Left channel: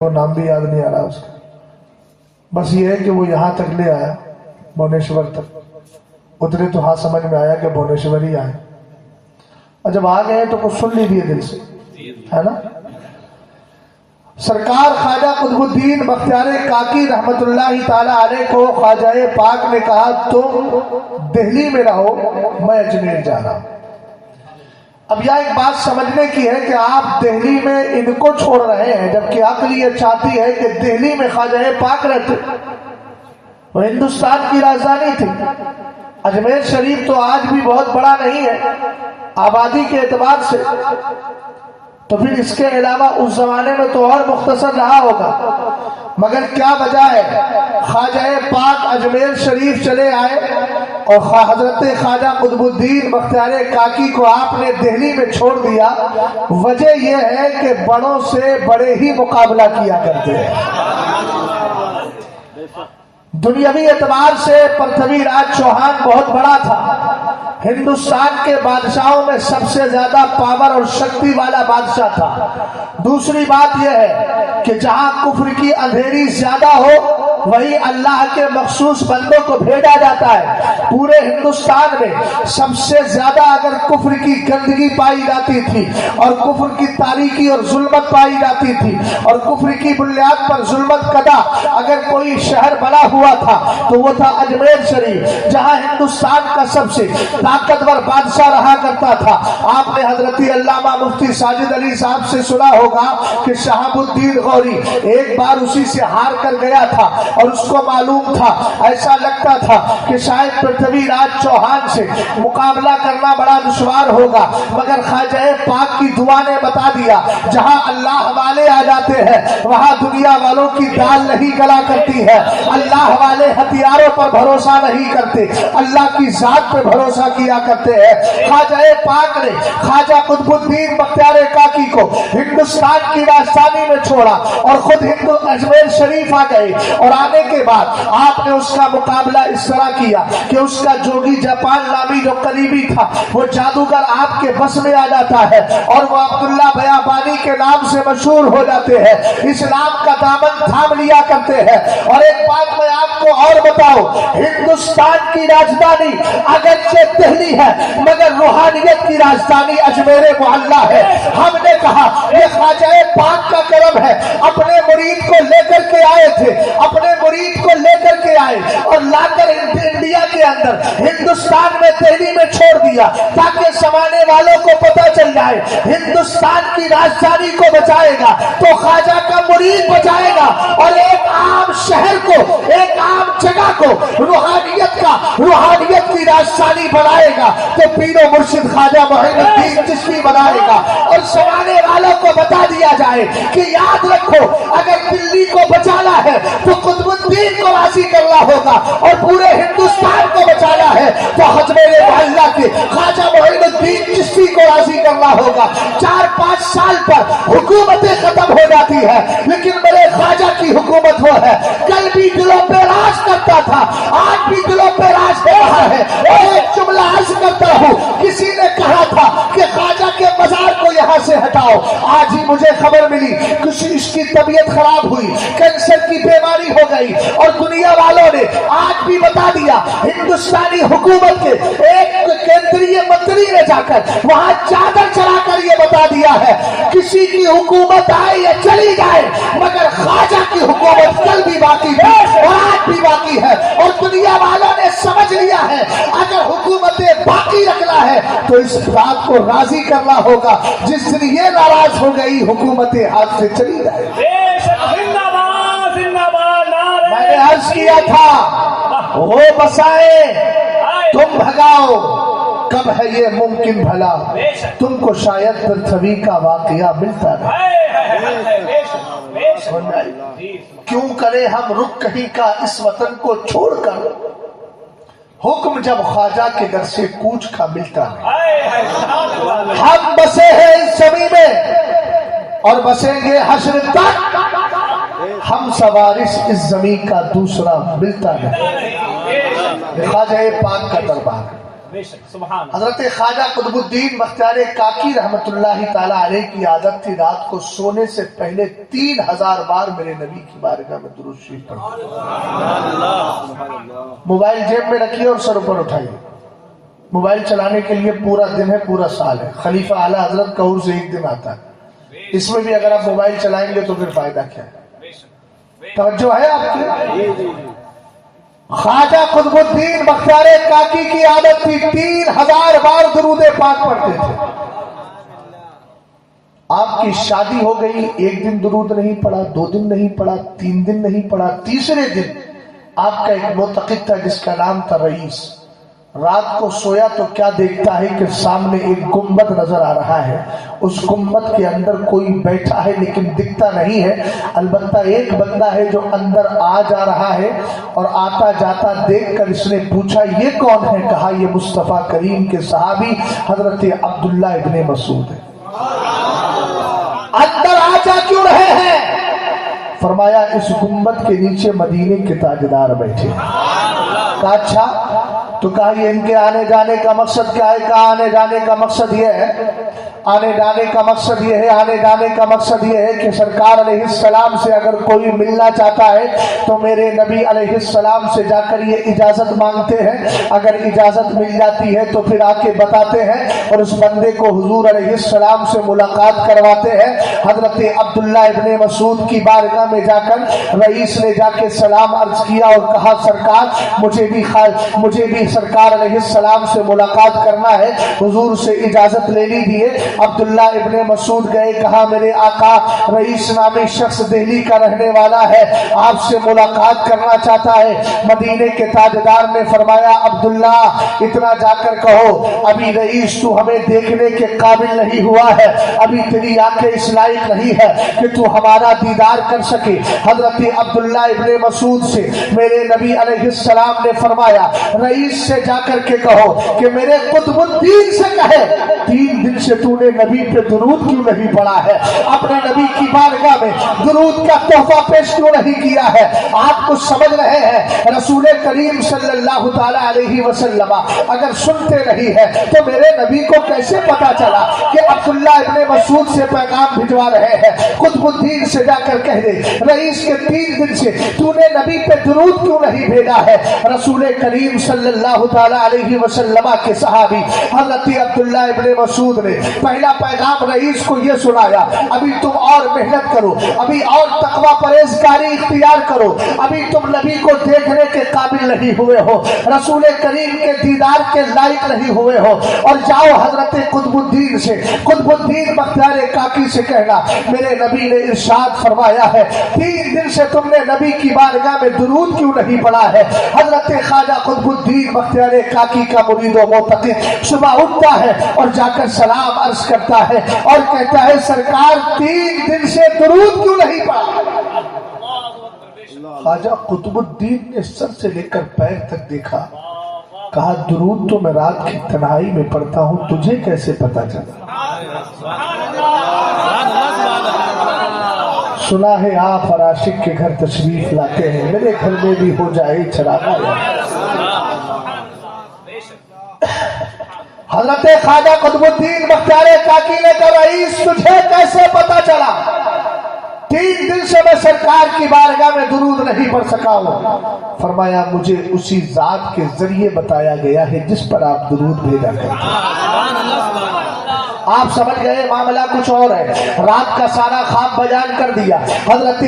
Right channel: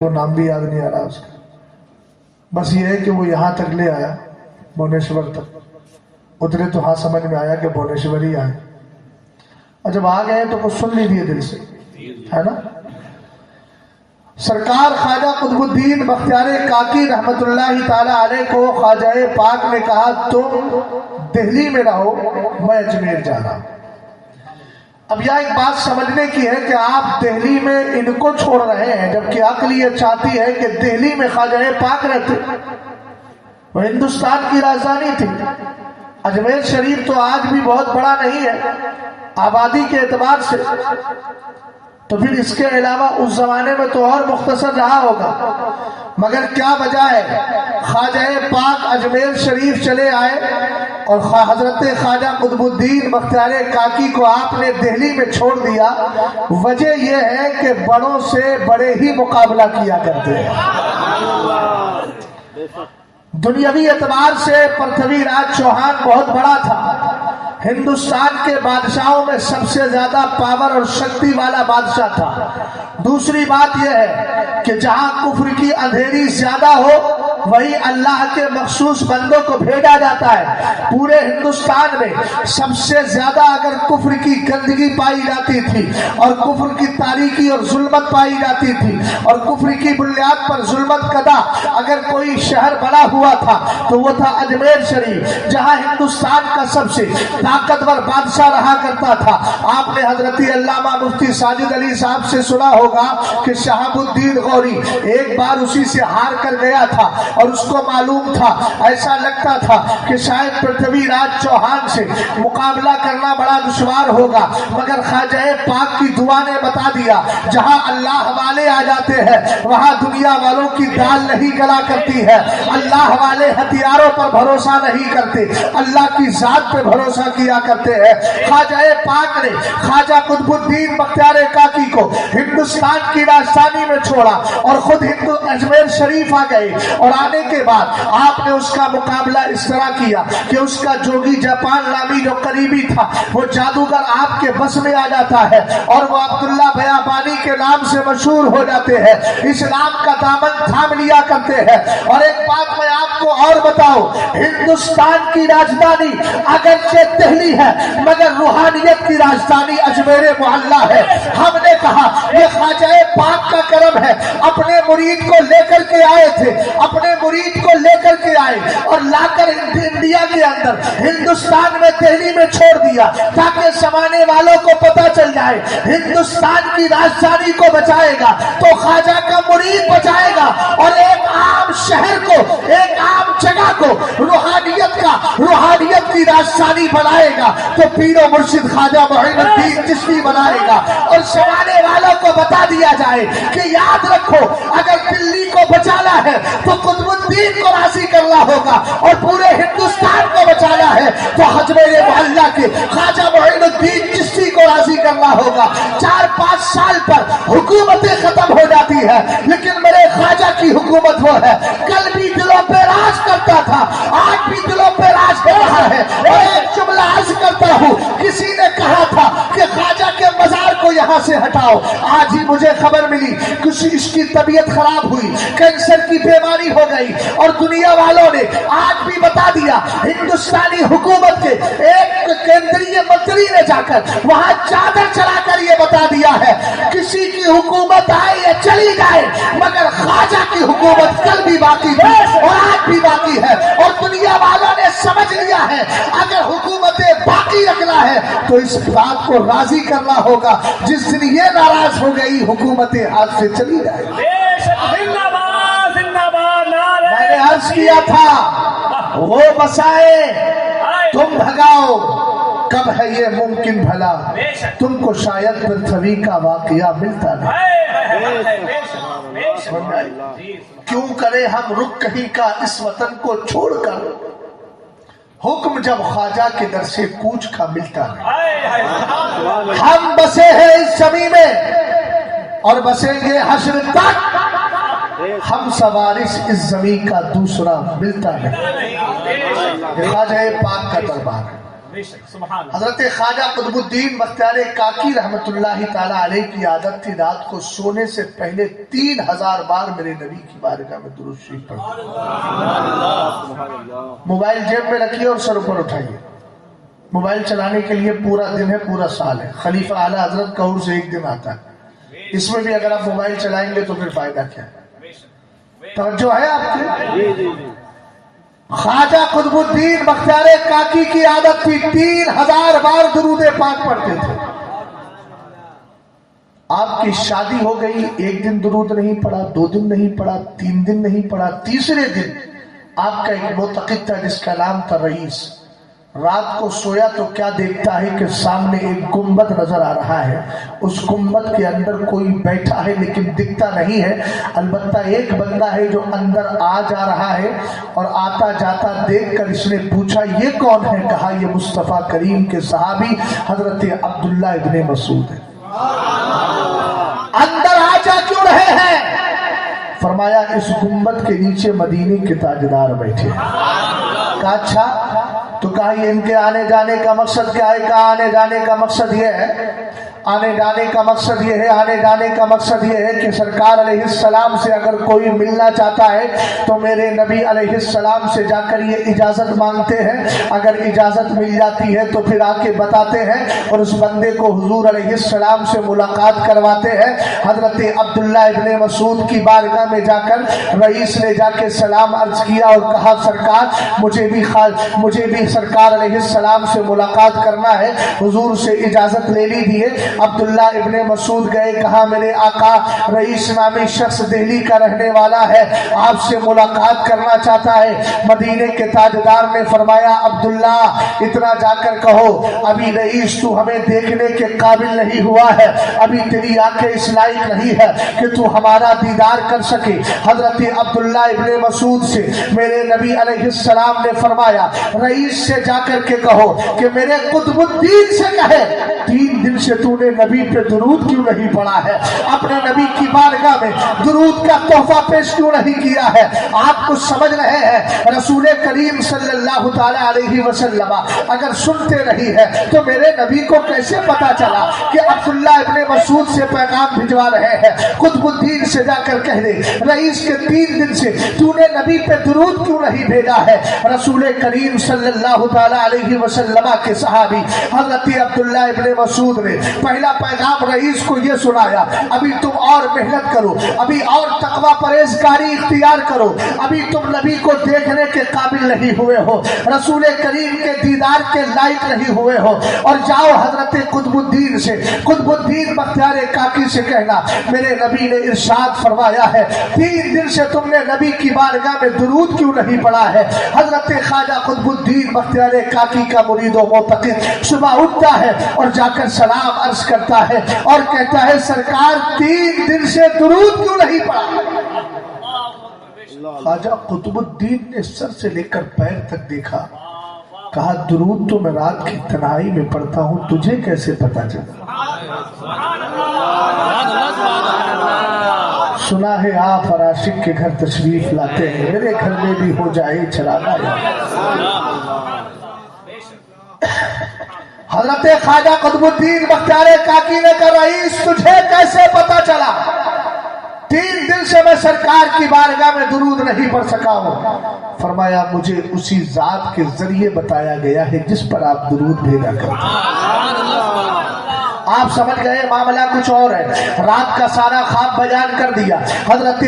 وہ نام بھی یاد نہیں آ رہا اس کا، بس یہ ہے کہ وہ یہاں تک لے آیا، بھونیشور تک اترے تو ہاں سمجھ میں آیا کہ بھونیشور ہی آئے، اور جب آ گئے تو کچھ سن لیجیے دل سے، ہے نا۔ سرکار خواجہ قطب الدین بختیار کاکی رحمت اللہ تعالی علیہ کو خواجہ پاک نے کہا تم دہلی میں رہو، میں اجمیر جا رہا ہوں۔ اب یہاں ایک بات سمجھنے کی ہے کہ آپ دہلی میں ان کو چھوڑ رہے ہیں، جبکہ عقل یہ چاہتی ہے کہ دہلی میں خواجہ پاک رہتے، وہ ہندوستان کی راجدھانی تھی۔ اجمیر شریف تو آج بھی بہت بڑا نہیں ہے آبادی کے اعتبار سے، تو پھر اس کے علاوہ اس زمانے میں تو اور مختصر رہا ہوگا، مگر کیا وجہ ہے خواجہ پاک اجمیر شریف چلے آئے اور حضرت خواجہ قطب الدین بختیار کاکی کو آپ نے دہلی میں چھوڑ دیا؟ وجہ یہ ہے کہ بڑوں سے بڑے ہی مقابلہ کیا کرتے ہیں۔ دنیاوی اعتبار سے پرتھوی راج چوہان بہت بڑا تھا، ہندوستان کے بادشاہوں میں سب سے زیادہ پاور اور شکتی والا بادشاہ تھا۔ دوسری بات یہ ہے کہ جہاں کفر کی اندھیری زیادہ ہو وہی اللہ کے مخصوص بندوں کو بھیجا جاتا ہے۔ پورے ہندوستان میں سب سے زیادہ اگر کفر کی گندگی پائی جاتی تھی اور کفر کی تاریکی اور ظلمت پائی جاتی تھی اور کفر کی بنیاد پر ظلمت کدا اگر کوئی شہر بنا ہوا تھا تو وہ تھا اجمیر شریف، جہاں ہندوستان کا سب سے طاقتور بادشاہ رہا کرتا تھا۔ آپ نے حضرت علامہ مفتی ساجد علی صاحب سے سنا ہوگا کہ شہاب الدین غوری ایک بار اسی سے ہار کر گیا تھا اور اس کو معلوم تھا، ایسا لگتا تھا کہ شاید پرتھوی راج چوہان سے مقابلہ کرنا بڑا دشوار ہوگا، مگر خواجہ پاک کی دعا نے بتا دیا جہاں اللہ والے آ جاتے ہیں وہاں دنیا والوں کی دال نہیں گلا کرتی ہے۔ اللہ والے ہتھیاروں پر بھروسہ نہیں کرتے، اللہ کی ذات پہ بھروسہ کیا کرتے ہیں۔ خواجہ پاک نے خواجہ قطب الدین بختیار کاکی کو ہندوستان کی راجدھانی میں چھوڑا اور خود اجمیر شریف آ گئے، اور آنے کے بعد آپ نے اس کا مقابلہ اس طرح کیا کہ اس کا جوگی جاپان نامی جو قریبی تھا وہ جادوگر آپ کے بس میں آ جاتا ہے اور وہ عبداللہ بیابانی کے نام سے مشہور ہو جاتے ہیں، اسلام کا دامن تھام لیا کرتے ہیں۔ اور ایک بات میں آپ کو اور بتاؤں، ہندوستان کی راجدھانی اگرچہ دہلی ہے مگر روحانیت کی راجدھانی اجمیر معلیٰ ہے۔ ہم نے کہا یہ خواجہ پاک کا کرم ہے، اپنے مرید کو لے کر کے آئے تھے، اپنے مرید کو لے کر کے آئے اور لا کر انڈیا کے اندر ہندوستان میں دہلی میں چھوڑ دیا تاکہ سمانے والوں کو پتہ چل جائے ہندوستان کی راجدھانی کو بچائے گا تو خواجہ کا مرید بچائے گا، اور ایک عام شہر کو، ایک عام جگہ کو روحانیت کی راجدھانی بنائے گا تو پیر و مرشد خواجہ معین الدین چشتی بنائے گا۔ اور سمانے والوں کو بتا دیا جائے کہ یاد رکھو اگر دلی کو بچانا ہے تو قطب الدین کو راضی کرنا ہوگا، اور پورے ہندوستان کو بچانا ہے تو اجمیر معلیٰ کے خواجہ معین الدین چشتی کو راضی کرنا ہوگا۔ 4-5 سال پر حکومتیں ختم ہو جاتی ہے لیکن میرے خواجہ کی حکومت وہ ہے، کل بھی دلوں پہ راج کرتا تھا، آج بھی دلوں پہ راج کر رہا ہے۔ اور ایک جملہ عرض کرتا ہوں، کسی نے کہا تھا کہ خواجہ کے مزار کو یہاں سے ہٹاؤ، آج ہی مجھے خبر ملی کسی اس کی طبیعت خراب ہوئی، کینسر کی بیماری ہو گئی، اور دنیا والوں نے آج بھی بتا دیا، ہندوستانی حکومت کے ایک کیندری منتری نے جا کر وہاں چادر چلا کر یہ بتا دیا ہے کسی کی حکومت آئے یا چلی جائے مگر خواجہ کی حکومت کل بھی باقی تھی اور آج بھی باقی ہے۔ اور دنیا والوں نے سمجھ لیا ہے اگر حکومتیں باقی رکھنا ہے تو اس بات کو راضی کرنا ہوگا جس دن یہ ناراض ہو گئی حکومتیں ہاتھ سے چلی جائے۔ میں نے عرض کیا تھا وہ بسائے تم بھگاؤ، کب ہے یہ ممکن بھلا تم کو شاید پرتھوی کا واقعہ ملتا نہیں۔ کیوں کرے ہم رخ کہیں کا اس وطن کو چھوڑ کر، حکم جب خواجہ کے در سے کوچ کا ملتا نہیں۔ ہم بسے ہیں اس زمین میں اور بسیں گے حشر تک، ہم سوارث اس زمین کا دوسرا ملتا نہیں۔ خواجہ پاک کا دربار حضرت خواجہ قطب الدین بختیار کاکی رحمت اللہ تعالی علیہ کی عادت تھی رات کو سونے سے پہلے 3000 بار میرے نبی کی بارگاہ میں درود شریف پڑھتے۔ موبائل جیب میں رکھیے اور سر پر اٹھائیے، موبائل چلانے کے لیے پورا دن ہے، پورا سال ہے، خلیفہ اعلیٰ حضرت کا عرس ایک دن آتا ہے، اس میں بھی اگر آپ موبائل چلائیں گے تو پھر فائدہ کیا ہے؟ توجہ ہے آپ کی؟ خواجہ قطب الدین بختیار کاکی کی عادت تھی 3000 بار درود پاک پڑھتے تھے۔ آپ کی شادی ہو گئی، ایک دن درود نہیں پڑھا، 2 دن نہیں پڑھا، 3 دن نہیں پڑھا، تیسرے دن آپ کا ایک معتقد تھا جس کا نام تھا رئیس، رات کو سویا تو کیا دیکھتا ہے کہ سامنے ایک گنبد نظر آ رہا ہے، اس گنبد کے اندر کوئی بیٹھا ہے لیکن دکھتا نہیں ہے، البتہ ایک بندہ ہے جو اندر آ جا رہا ہے، اور آتا جاتا دیکھ کر اس نے پوچھا یہ کون ہے؟ کہا یہ مصطفیٰ کریم کے صحابی حضرت عبداللہ ابن مسعود ہے۔ اندر آ جا کیوں رہے ہیں؟ فرمایا اس گنبد کے نیچے مدینے کے تاجدار بیٹھے ہیں۔ کہا اچھا، تو کہا یہ ان کے آنے جانے کا مقصد کیا ہے؟ کہا آنے جانے کا مقصد یہ ہے، آنے جانے کا مقصد یہ ہے، آنے جانے کا مقصد یہ ہے کہ سرکار علیہ السلام سے اگر کوئی ملنا چاہتا ہے تو میرے نبی علیہ السلام سے جا کر یہ اجازت مانگتے ہیں، اگر اجازت مل جاتی ہے تو پھر آ کے بتاتے ہیں اور اس بندے کو حضور علیہ السلام سے ملاقات کرواتے ہیں۔ حضرت عبداللہ ابن مسعود کی بارگاہ میں جا کر رئیس نے جا کے سلام عرض کیا اور کہا سرکار مجھے بھی سرکار علیہ السلام سے ملاقات کرنا ہے، حضور سے اجازت لے لیجیے۔ عبداللہ ابن مسعود گئے، کہا میرے آقا رئیس نامی شخص دہلی کا رہنے والا ہے، آپ سے ملاقات کرنا چاہتا ہے۔ مدینے کے تاجدار نے فرمایا عبداللہ اتنا جا کر کہو ابھی رئیس تو ہمیں دیکھنے کے قابل نہیں ہوا ہے، ابھی تیری آنکھیں اس لائق نہیں ہے کہ تو ہمارا دیدار کر سکے۔ حضرت عبداللہ ابن مسعود سے میرے نبی علیہ السلام نے فرمایا رئیس سے جا کر کے کہو کہ میرے قطب الدین سے کہے 3 دن سے تو نے نبی پہ درود کیوں نہیں پڑھا ہے، اپنے نبی کی بارگاہ میں درود کا تحفہ پیش کیوں نہیں کیا ہے؟ آپ کچھ سمجھ رہے ہیں؟ رسول کریم صلی اللہ تعالی علیہ وسلم اگر سنتے نہیں ہے تو میرے نبی کو کیسے پتا چلا کہ عبداللہ ابن مسعود سے پیغام بھجوا رہے ہیں؟ قطب الدین سے جا کر کہہ دے رئیس کے 3 دن سے تو نے نبی پہ درود کیوں نہیں بھیجا ہے؟ رسول کریم صلی اللہ تعالی علیہ وسلم کے صحابی حضرت عبداللہ ابن مسعود نے پہلا پیغام رئیس کو یہ سنایا ابھی تم اور محنت کرو، ابھی اور تقوی پرہیزگاری اختیار کرو، ابھی تم نبی کو دیکھنے کے قابل نہیں ہوئے ہو، رسول کریم کے دیدار کے لائق نہیں ہوئے ہو، اور جاؤ حضرت قطب الدین سے، قطب الدین بختیار کاکی سے کہنا میرے نبی نے ارشاد فرمایا ہے 3 دن سے تم نے نبی کی بارگاہ میں درود کیوں نہیں پڑھا ہے؟ حضرت خواجہ قطب الدین بختیار کاکی کا مرید و معتقد صبح اٹھتا ہے اور جا کر سلام عرض کرتا ہے اور کہتا ہے سرکار 3 دن سے درود کیوں نہیں پڑھا؟ خواجہ قطب الدین نے سر سے لے کر پیر تک دیکھا، کہا درود تو میں رات کی تنہائی میں پڑھتا ہوں، تجھے کیسے پتا چلا؟ سنا ہے آپ ہر عاشق کے گھر تشریف لاتے ہیں، میرے گھر میں بھی ہو جائے چراغا یار۔ حضرت خواجہ قطب الدین بختیار کاکی نے کہا رئیس تجھے کیسے پتا چلا؟ 3 دن سے میں سرکار کی بارگاہ میں درود نہیں پڑھ سکا ہوں۔ فرمایا مجھے اسی ذات کے ذریعے بتایا گیا ہے جس پر آپ درود بھیجا کرتے ہیں۔ آپ سمجھ گئے معاملہ کچھ اور ہے، رات کا سارا خواب بیان کر دیا۔ حضرت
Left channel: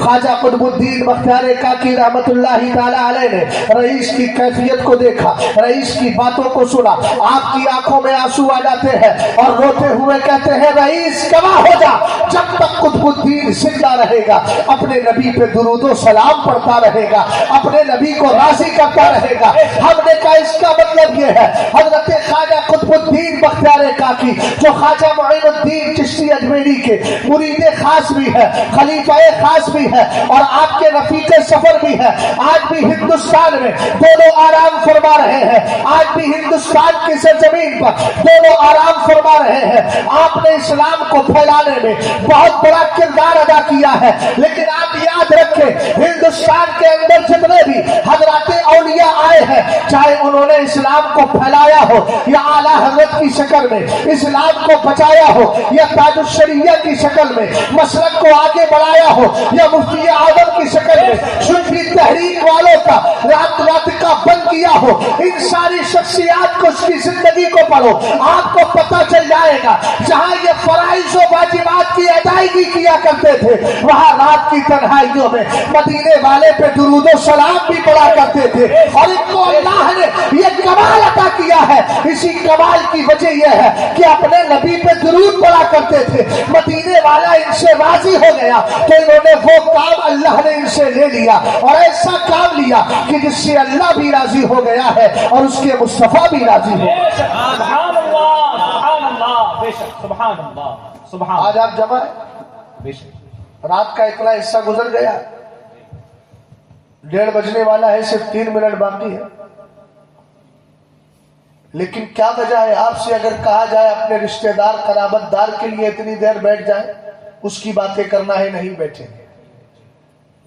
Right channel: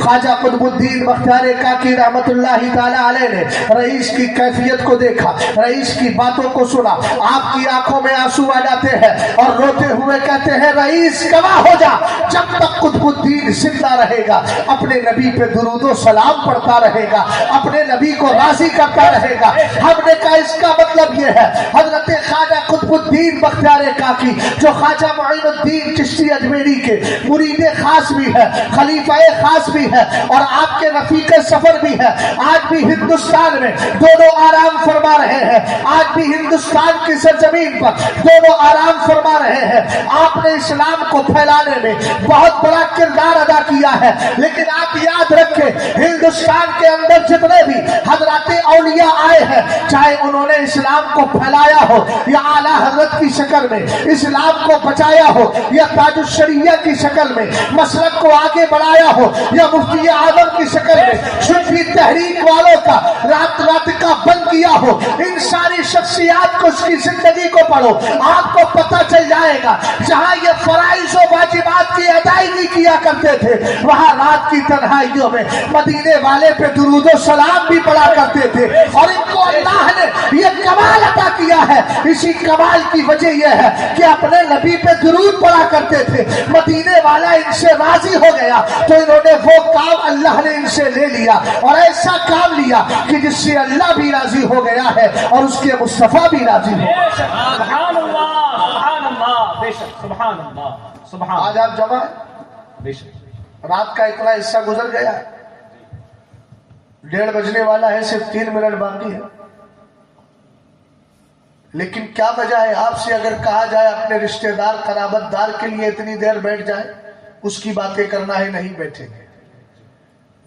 خواجہ قطب الدین بختیار کاکی رحمت اللہ تعالی علیہ نے رئیس کی کیفیت کو دیکھا، رئیس کی باتوں کو سنا، آپ کی آنکھوں میں آنسو آ جاتے ہیں اور روتے ہوئے کہتے ہیں رئیس گواہ ہو جا جب تک قطب الدین زندہ رہے گا اپنے نبی پہ درود و سلام پڑھتا رہے گا، اپنے نبی کو راضی کرتا رہے گا۔ ہم نے کہا اس کا مطلب یہ ہے حضرت خواجہ قطب الدین بختیار طریقہ کی، جو خواجہ معین الدین چشتی اجمیری کے مرید خاص بھی ہے، خلیفہ خاص بھی ہے اور آپ کے رفیق سفر بھی ہے، آج بھی ہندوستان میں دونوں آرام فرما رہے ہیں، آج بھی ہندوستان کی سرزمین پر دونوں آرام فرما رہے ہیں۔ آپ نے اسلام کو پھیلانے میں بہت بڑا کردار ادا کیا ہے، لیکن آپ یاد رکھیں ہندوستان کے اندر جتنے بھی حضرات اولیاء آئے ہیں، چاہے انہوں نے اسلام کو پھیلایا ہو یا اعلیٰ حضرت کی شکل میں اسلام کو بچایا ہو یا تاج الشریعہ کی شکل میں مسلک کو آگے بڑھایا ہو یا مفتی اعظم کی شکل میں صوفی تحریک والوں کا رابطہ بند کیا ہو، ان ساری شخصیات کو اس کی زندگی کو پڑھو، آپ کو پتہ چل جائے گا جہاں یہ فرائض و واجبات کی ادائیگی کیا کرتے تھے، وہاں رات کی تنہائیوں میں مدینے والے پہ درود و سلام بھی پڑھا کرتے تھے، اور ان کو اللہ نے یہ کمال عطا کیا ہے۔ اسی کمال کی وجہ یہ ہے کہ اپنے نبی پہ درود پڑھا کرتے تھے، مدینے والا ان سے راضی ہو گیا تو انہوں نے وہ کام اللہ نے ان سے لے لیا، اور ایسا کام لیا کہ جس سے اللہ بھی راضی ہو گیا ہے اور اس کے مصطفیٰ بھی راضی ہو گیا۔ سبحان اللہ، سبحان اللہ، بے شک، سبحان اللہ، سبحان اللہ۔ آج آپ جمع ہیں، بے شک رات کا اتنا حصہ گزر گیا، 1:30 بجنے والا ہے، صرف 3 منٹ باقی ہے، لیکن کیا وجہ ہے؟ آپ سے اگر کہا جائے اپنے رشتہ دار قرابت دار کے لیے اتنی دیر بیٹھ جائے، اس کی باتیں کرنا ہے، نہیں بیٹھیں گے،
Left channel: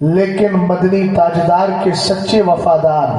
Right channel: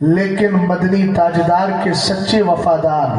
لیکن مدنی تاجدار کے سچے وفادار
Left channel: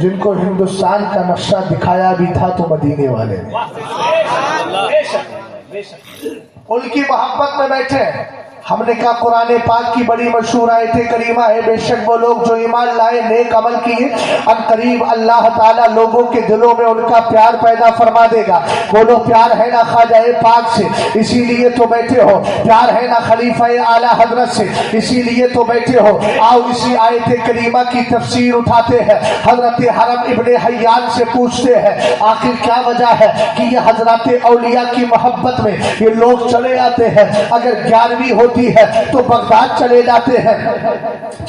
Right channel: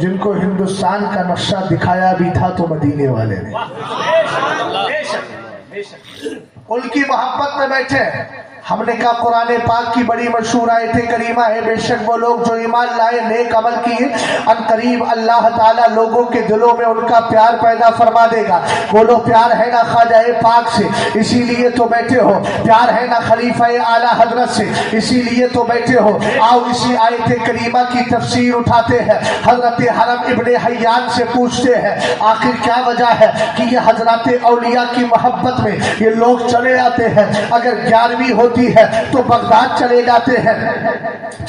جن کو ہندوستان کا نقشہ دکھایا بھی تھا تو مدینے والے نے، بے شک، بے شک، ان کی محبت میں بیٹھے ہیں۔ ہم نے کہا قرآن پاک کی بڑی مشہور آیت کریمہ ہے، بے شک وہ لوگ جو ایمان لائے نیک عمل کیے ان قریب اللہ تعالیٰ لوگوں کے دلوں میں ان کا پیار پیدا فرما دے گا۔ بولو پیار ہے نا خواجہ پاک سے، اسی لیے تو بیٹھے ہو، پیار ہے نا خلیفہ اعلیٰ حضرت سے، اسی لیے تو بیٹھے ہو۔ آؤ اسی آیت کریمہ کی تفسیر اٹھاتے ہیں، حضرت حرم ابن حیان سے پوچھتے ہیں آخر کیا وجہ ہے کہ یہ حضرات اولیاء کی محبت میں یہ لوگ چلے آتے ہیں؟ اگر 11ویں ہوتی ہے تو بغداد چلے جاتے ہیں،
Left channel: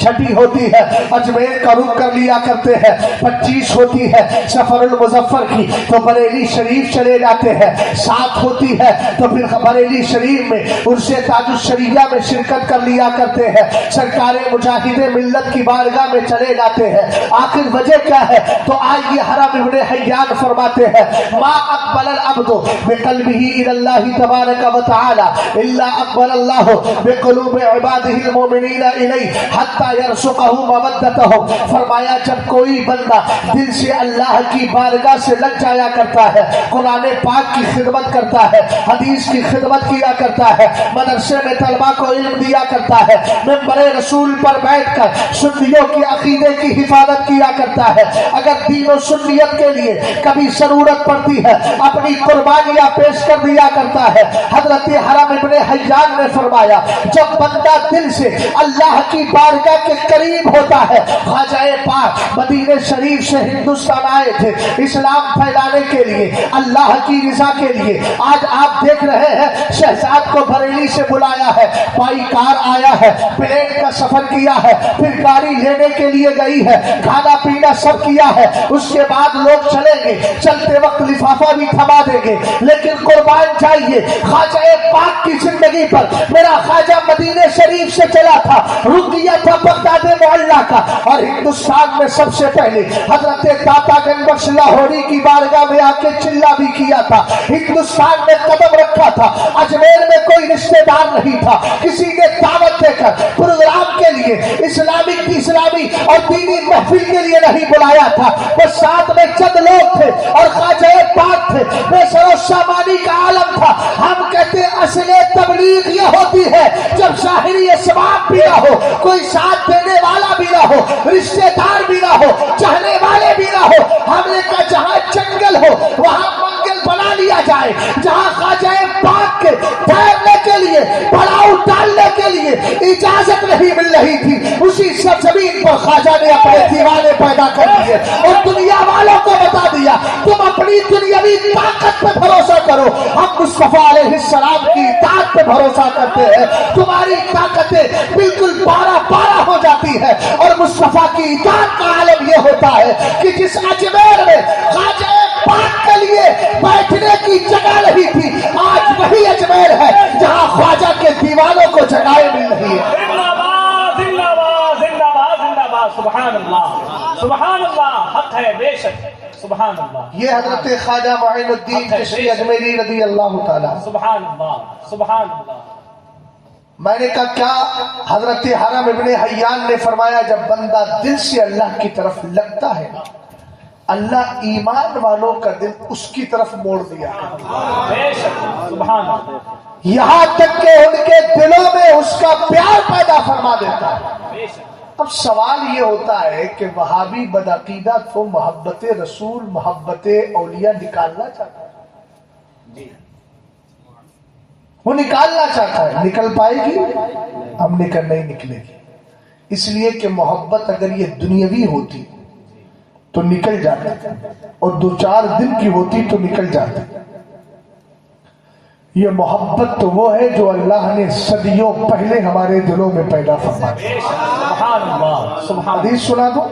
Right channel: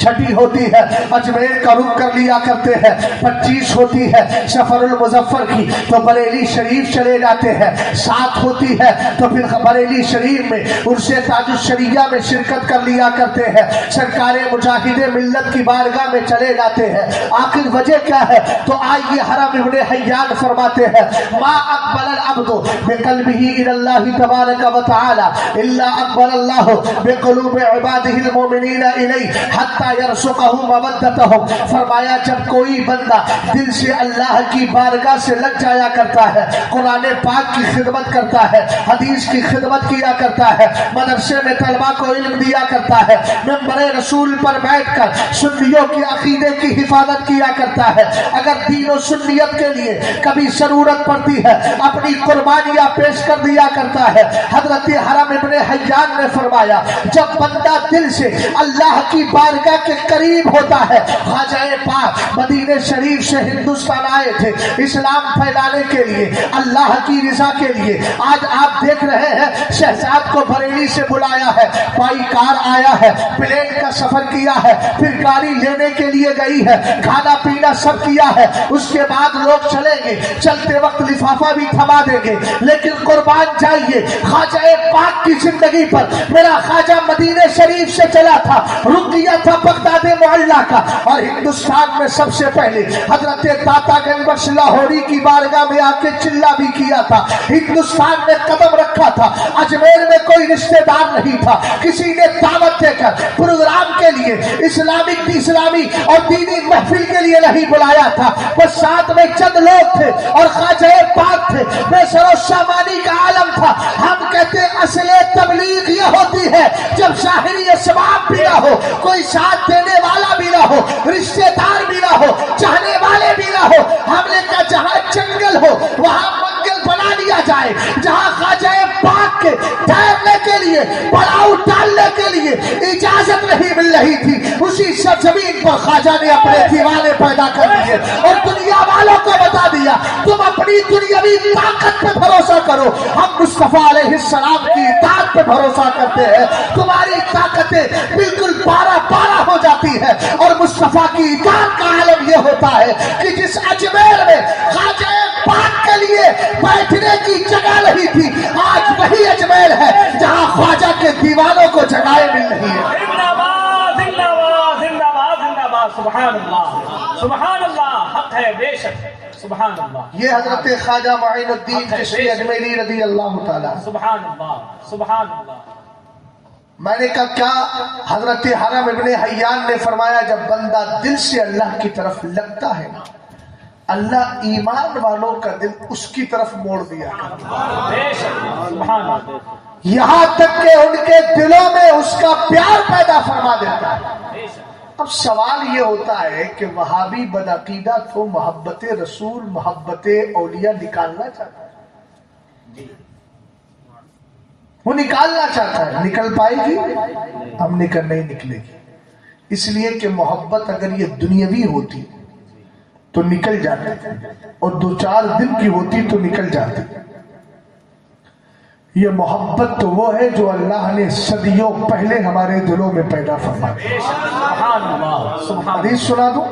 6 ہوتی ہے اجمیر کا رخ کر لیا کرتے ہیں، 25 ہوتی ہے سفر المظفر کی تو بریلی شریف چلے جاتے ہیں، 7 ہوتی ہے تو پھر بریلی شریف میں ان سے تاج الشریعہ میں شرکت کر لیا کرتے ہیں، سرکار مجاہد ملت کی بارگاہ میں چلے جاتے ہیں۔ آخر وجہ کیا ہے؟ تو آئیے حرم ابن حیان فرماتے ہیں ما اقبل العبد بقلبه الى الله تبارک و تعالی الا اقبل اللہ بقلوب عباده المؤمنین الیہ حتی یرزقہ مودتہم۔ فرمایا جب کوئی بندہ دل سے اللہ کی بارگاہ سے لگ جایا کرتا ہے، قرآن پاک کی خدمت کرتا ہے، حدیث کی خدمت کیا کرتا ہے، مدرسے میں طلبہ کو علم دیا کرتا ہے، منبر رسول پر بیٹھ کر سنیوں کی عقیدے کی حفاظت کیا کرتا ہے، اگر دین و سنیت کے لیے کبھی ضرورت پڑتی ہے اپنی قربانیاں پیش کر دیا کرتا ہے۔ حضرت حرم ابن حیان نے فرمایا جب بندہ دل سے اللہ کی بارگاہ کے قریب ہوتا ہے، خواجہ پاک مدینہ شریف سے ہندوستان آئے تھے اسلام پھیلانے کے لیے، اللہ کی رضا کے لیے۔ آج آپ دیکھ رہے ہیں شہزاد کو بریلی سے بلایا ہے، بائی کار آیا ہے، پلین کا سفر کیا ہے، پھر گاڑی لینے کے لیے گئی ہے، کھانا پینا سب کیا ہے، اس کے بعد لوگ چلیں گے، چلتے وقت لفافہ بھی تھما دیں گے، لیکن قربان جائیے خواجہ پاک کی زندگی پر میرا خواجہ مدینہ شریف سے چلا تھا، رک گیا تھا بغداد معلیٰ کا، اور ہندوستان میں سب سے پہلے حضرت داتا گنج بخش لاہوری کی بارگاہ میں آ کے چلا بھی کیا تھا، ہندوستان میں قدم رکھا تھا، اجمیر میں کوئی رشتہ دار نہیں تھا، کسی نے دعوت دے کر پروگرام کے لیے اسلامی اور دینی محفل کے لیے نہیں بلایا تھا، بس ساتھ میں چند لوگ تھے اور خواجہ پاک تھے، بے سر و سامانی کا عالم تھا۔ ہم کہتے اصل تبلیغ یہ ہوتی ہے جب ظاہری اسباب بھی نہ ہو، کوئی ساتھ دینے والا بھی نہ ہو، رشتہ دار بھی نہ ہو، چاہنے والے بھی نہ ہو، ہم نے کہا جہاں جنگل ہو وہاں منگل بنا لیا جائے، جہاں خواجہ پاک کے ٹھہرنے کے لیے پڑاؤ ڈالنے کے لیے اجازت نہیں مل رہی تھی، اسی سرزمین پر خواجہ نے اپنے دیوانے پیدا کر دیے اور دنیا والوں کو بتا دیا تم اپنی دنیاوی طاقت پہ بھروسہ کرو، ہم مصطفیٰ علیہ السلام کی اطاعت پہ بھروسہ کرتے ہیں، تمہاری طاقتیں بالکل پارا ہو جاتی ہے، اور مصطفیٰ کی اطاعت کا عالم یہ ہوتا ہے کہ جس اجمیر میں خواجہ پاک کے لیے بیٹھنے جگنے کی جگہ نہیں تھی، آج وہی اجمیر ہے جہاں خواجہ کے دیوانوں کو جگہیں مل رہی ہے۔ زندہ باد زندہ باد زندہ باد زندہ باد، سبحان اللہ سبحان اللہ، حق ہے بے شک، سبحان اللہ۔ یہ حضرت خواجہ معین الدین چشتی اجمیری رضی اللہ تعالیٰ۔ سبحان اللہ سبحان اللہ۔ میں نے کہا کیا؟ حضرت حرم ابن حیان نے فرمایا جب بندہ دل سے اللہ کی طرف لگتا ہے نا، اللہ ایمان والوں کا دل اس کی طرف موڑ دیا بے شک، سبحان اللہ، یہاں تک کہ ان کے دلوں میں اس کا پیار پیدا فرما دیتا ہے۔ بے شک۔ اب سوال یہ ہوتا ہے کہ وہابی بدعقیدہ تو محبت رسول، محبت اولیاء نکالنا چاہتا ہے، وہ نکالنا چاہتا ہے، نکل پائے گی؟ ہم نے کہا نہیں نکلے گی، اس لیے کہ محبت اگر یہ دنیاوی ہوتی تو نکل جاتی، اور 2-4 دن کی ہوتی تو نکل جاتی۔ یہ محبت تو وہ ہے جو اللہ نے صدیوں پہلے ہمارے دلوں میں پیدا فرمائی۔ سبحان اللہ سبحان حدیث سنا دوں؟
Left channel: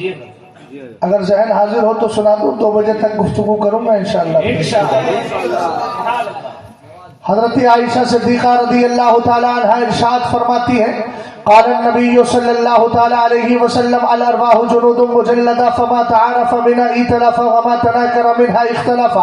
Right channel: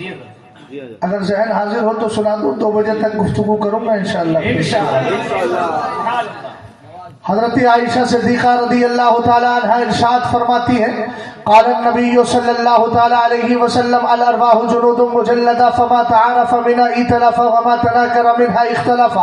اللہ، اگر ذہن حاضر ہو تو سنا دوں، 2 بجے تک گفتگو کروں گا انشاءاللہ۔ حضرت عائشہ صدیقہ رضی اللہ تعالیٰ عنہ ارشاد فرماتی ہے قال النبی صلی اللہ تعالیٰ علیہ وسلم الارواح جنود مجلدہ فما تعارف منها ائتلف وما تناکر منها اختلف،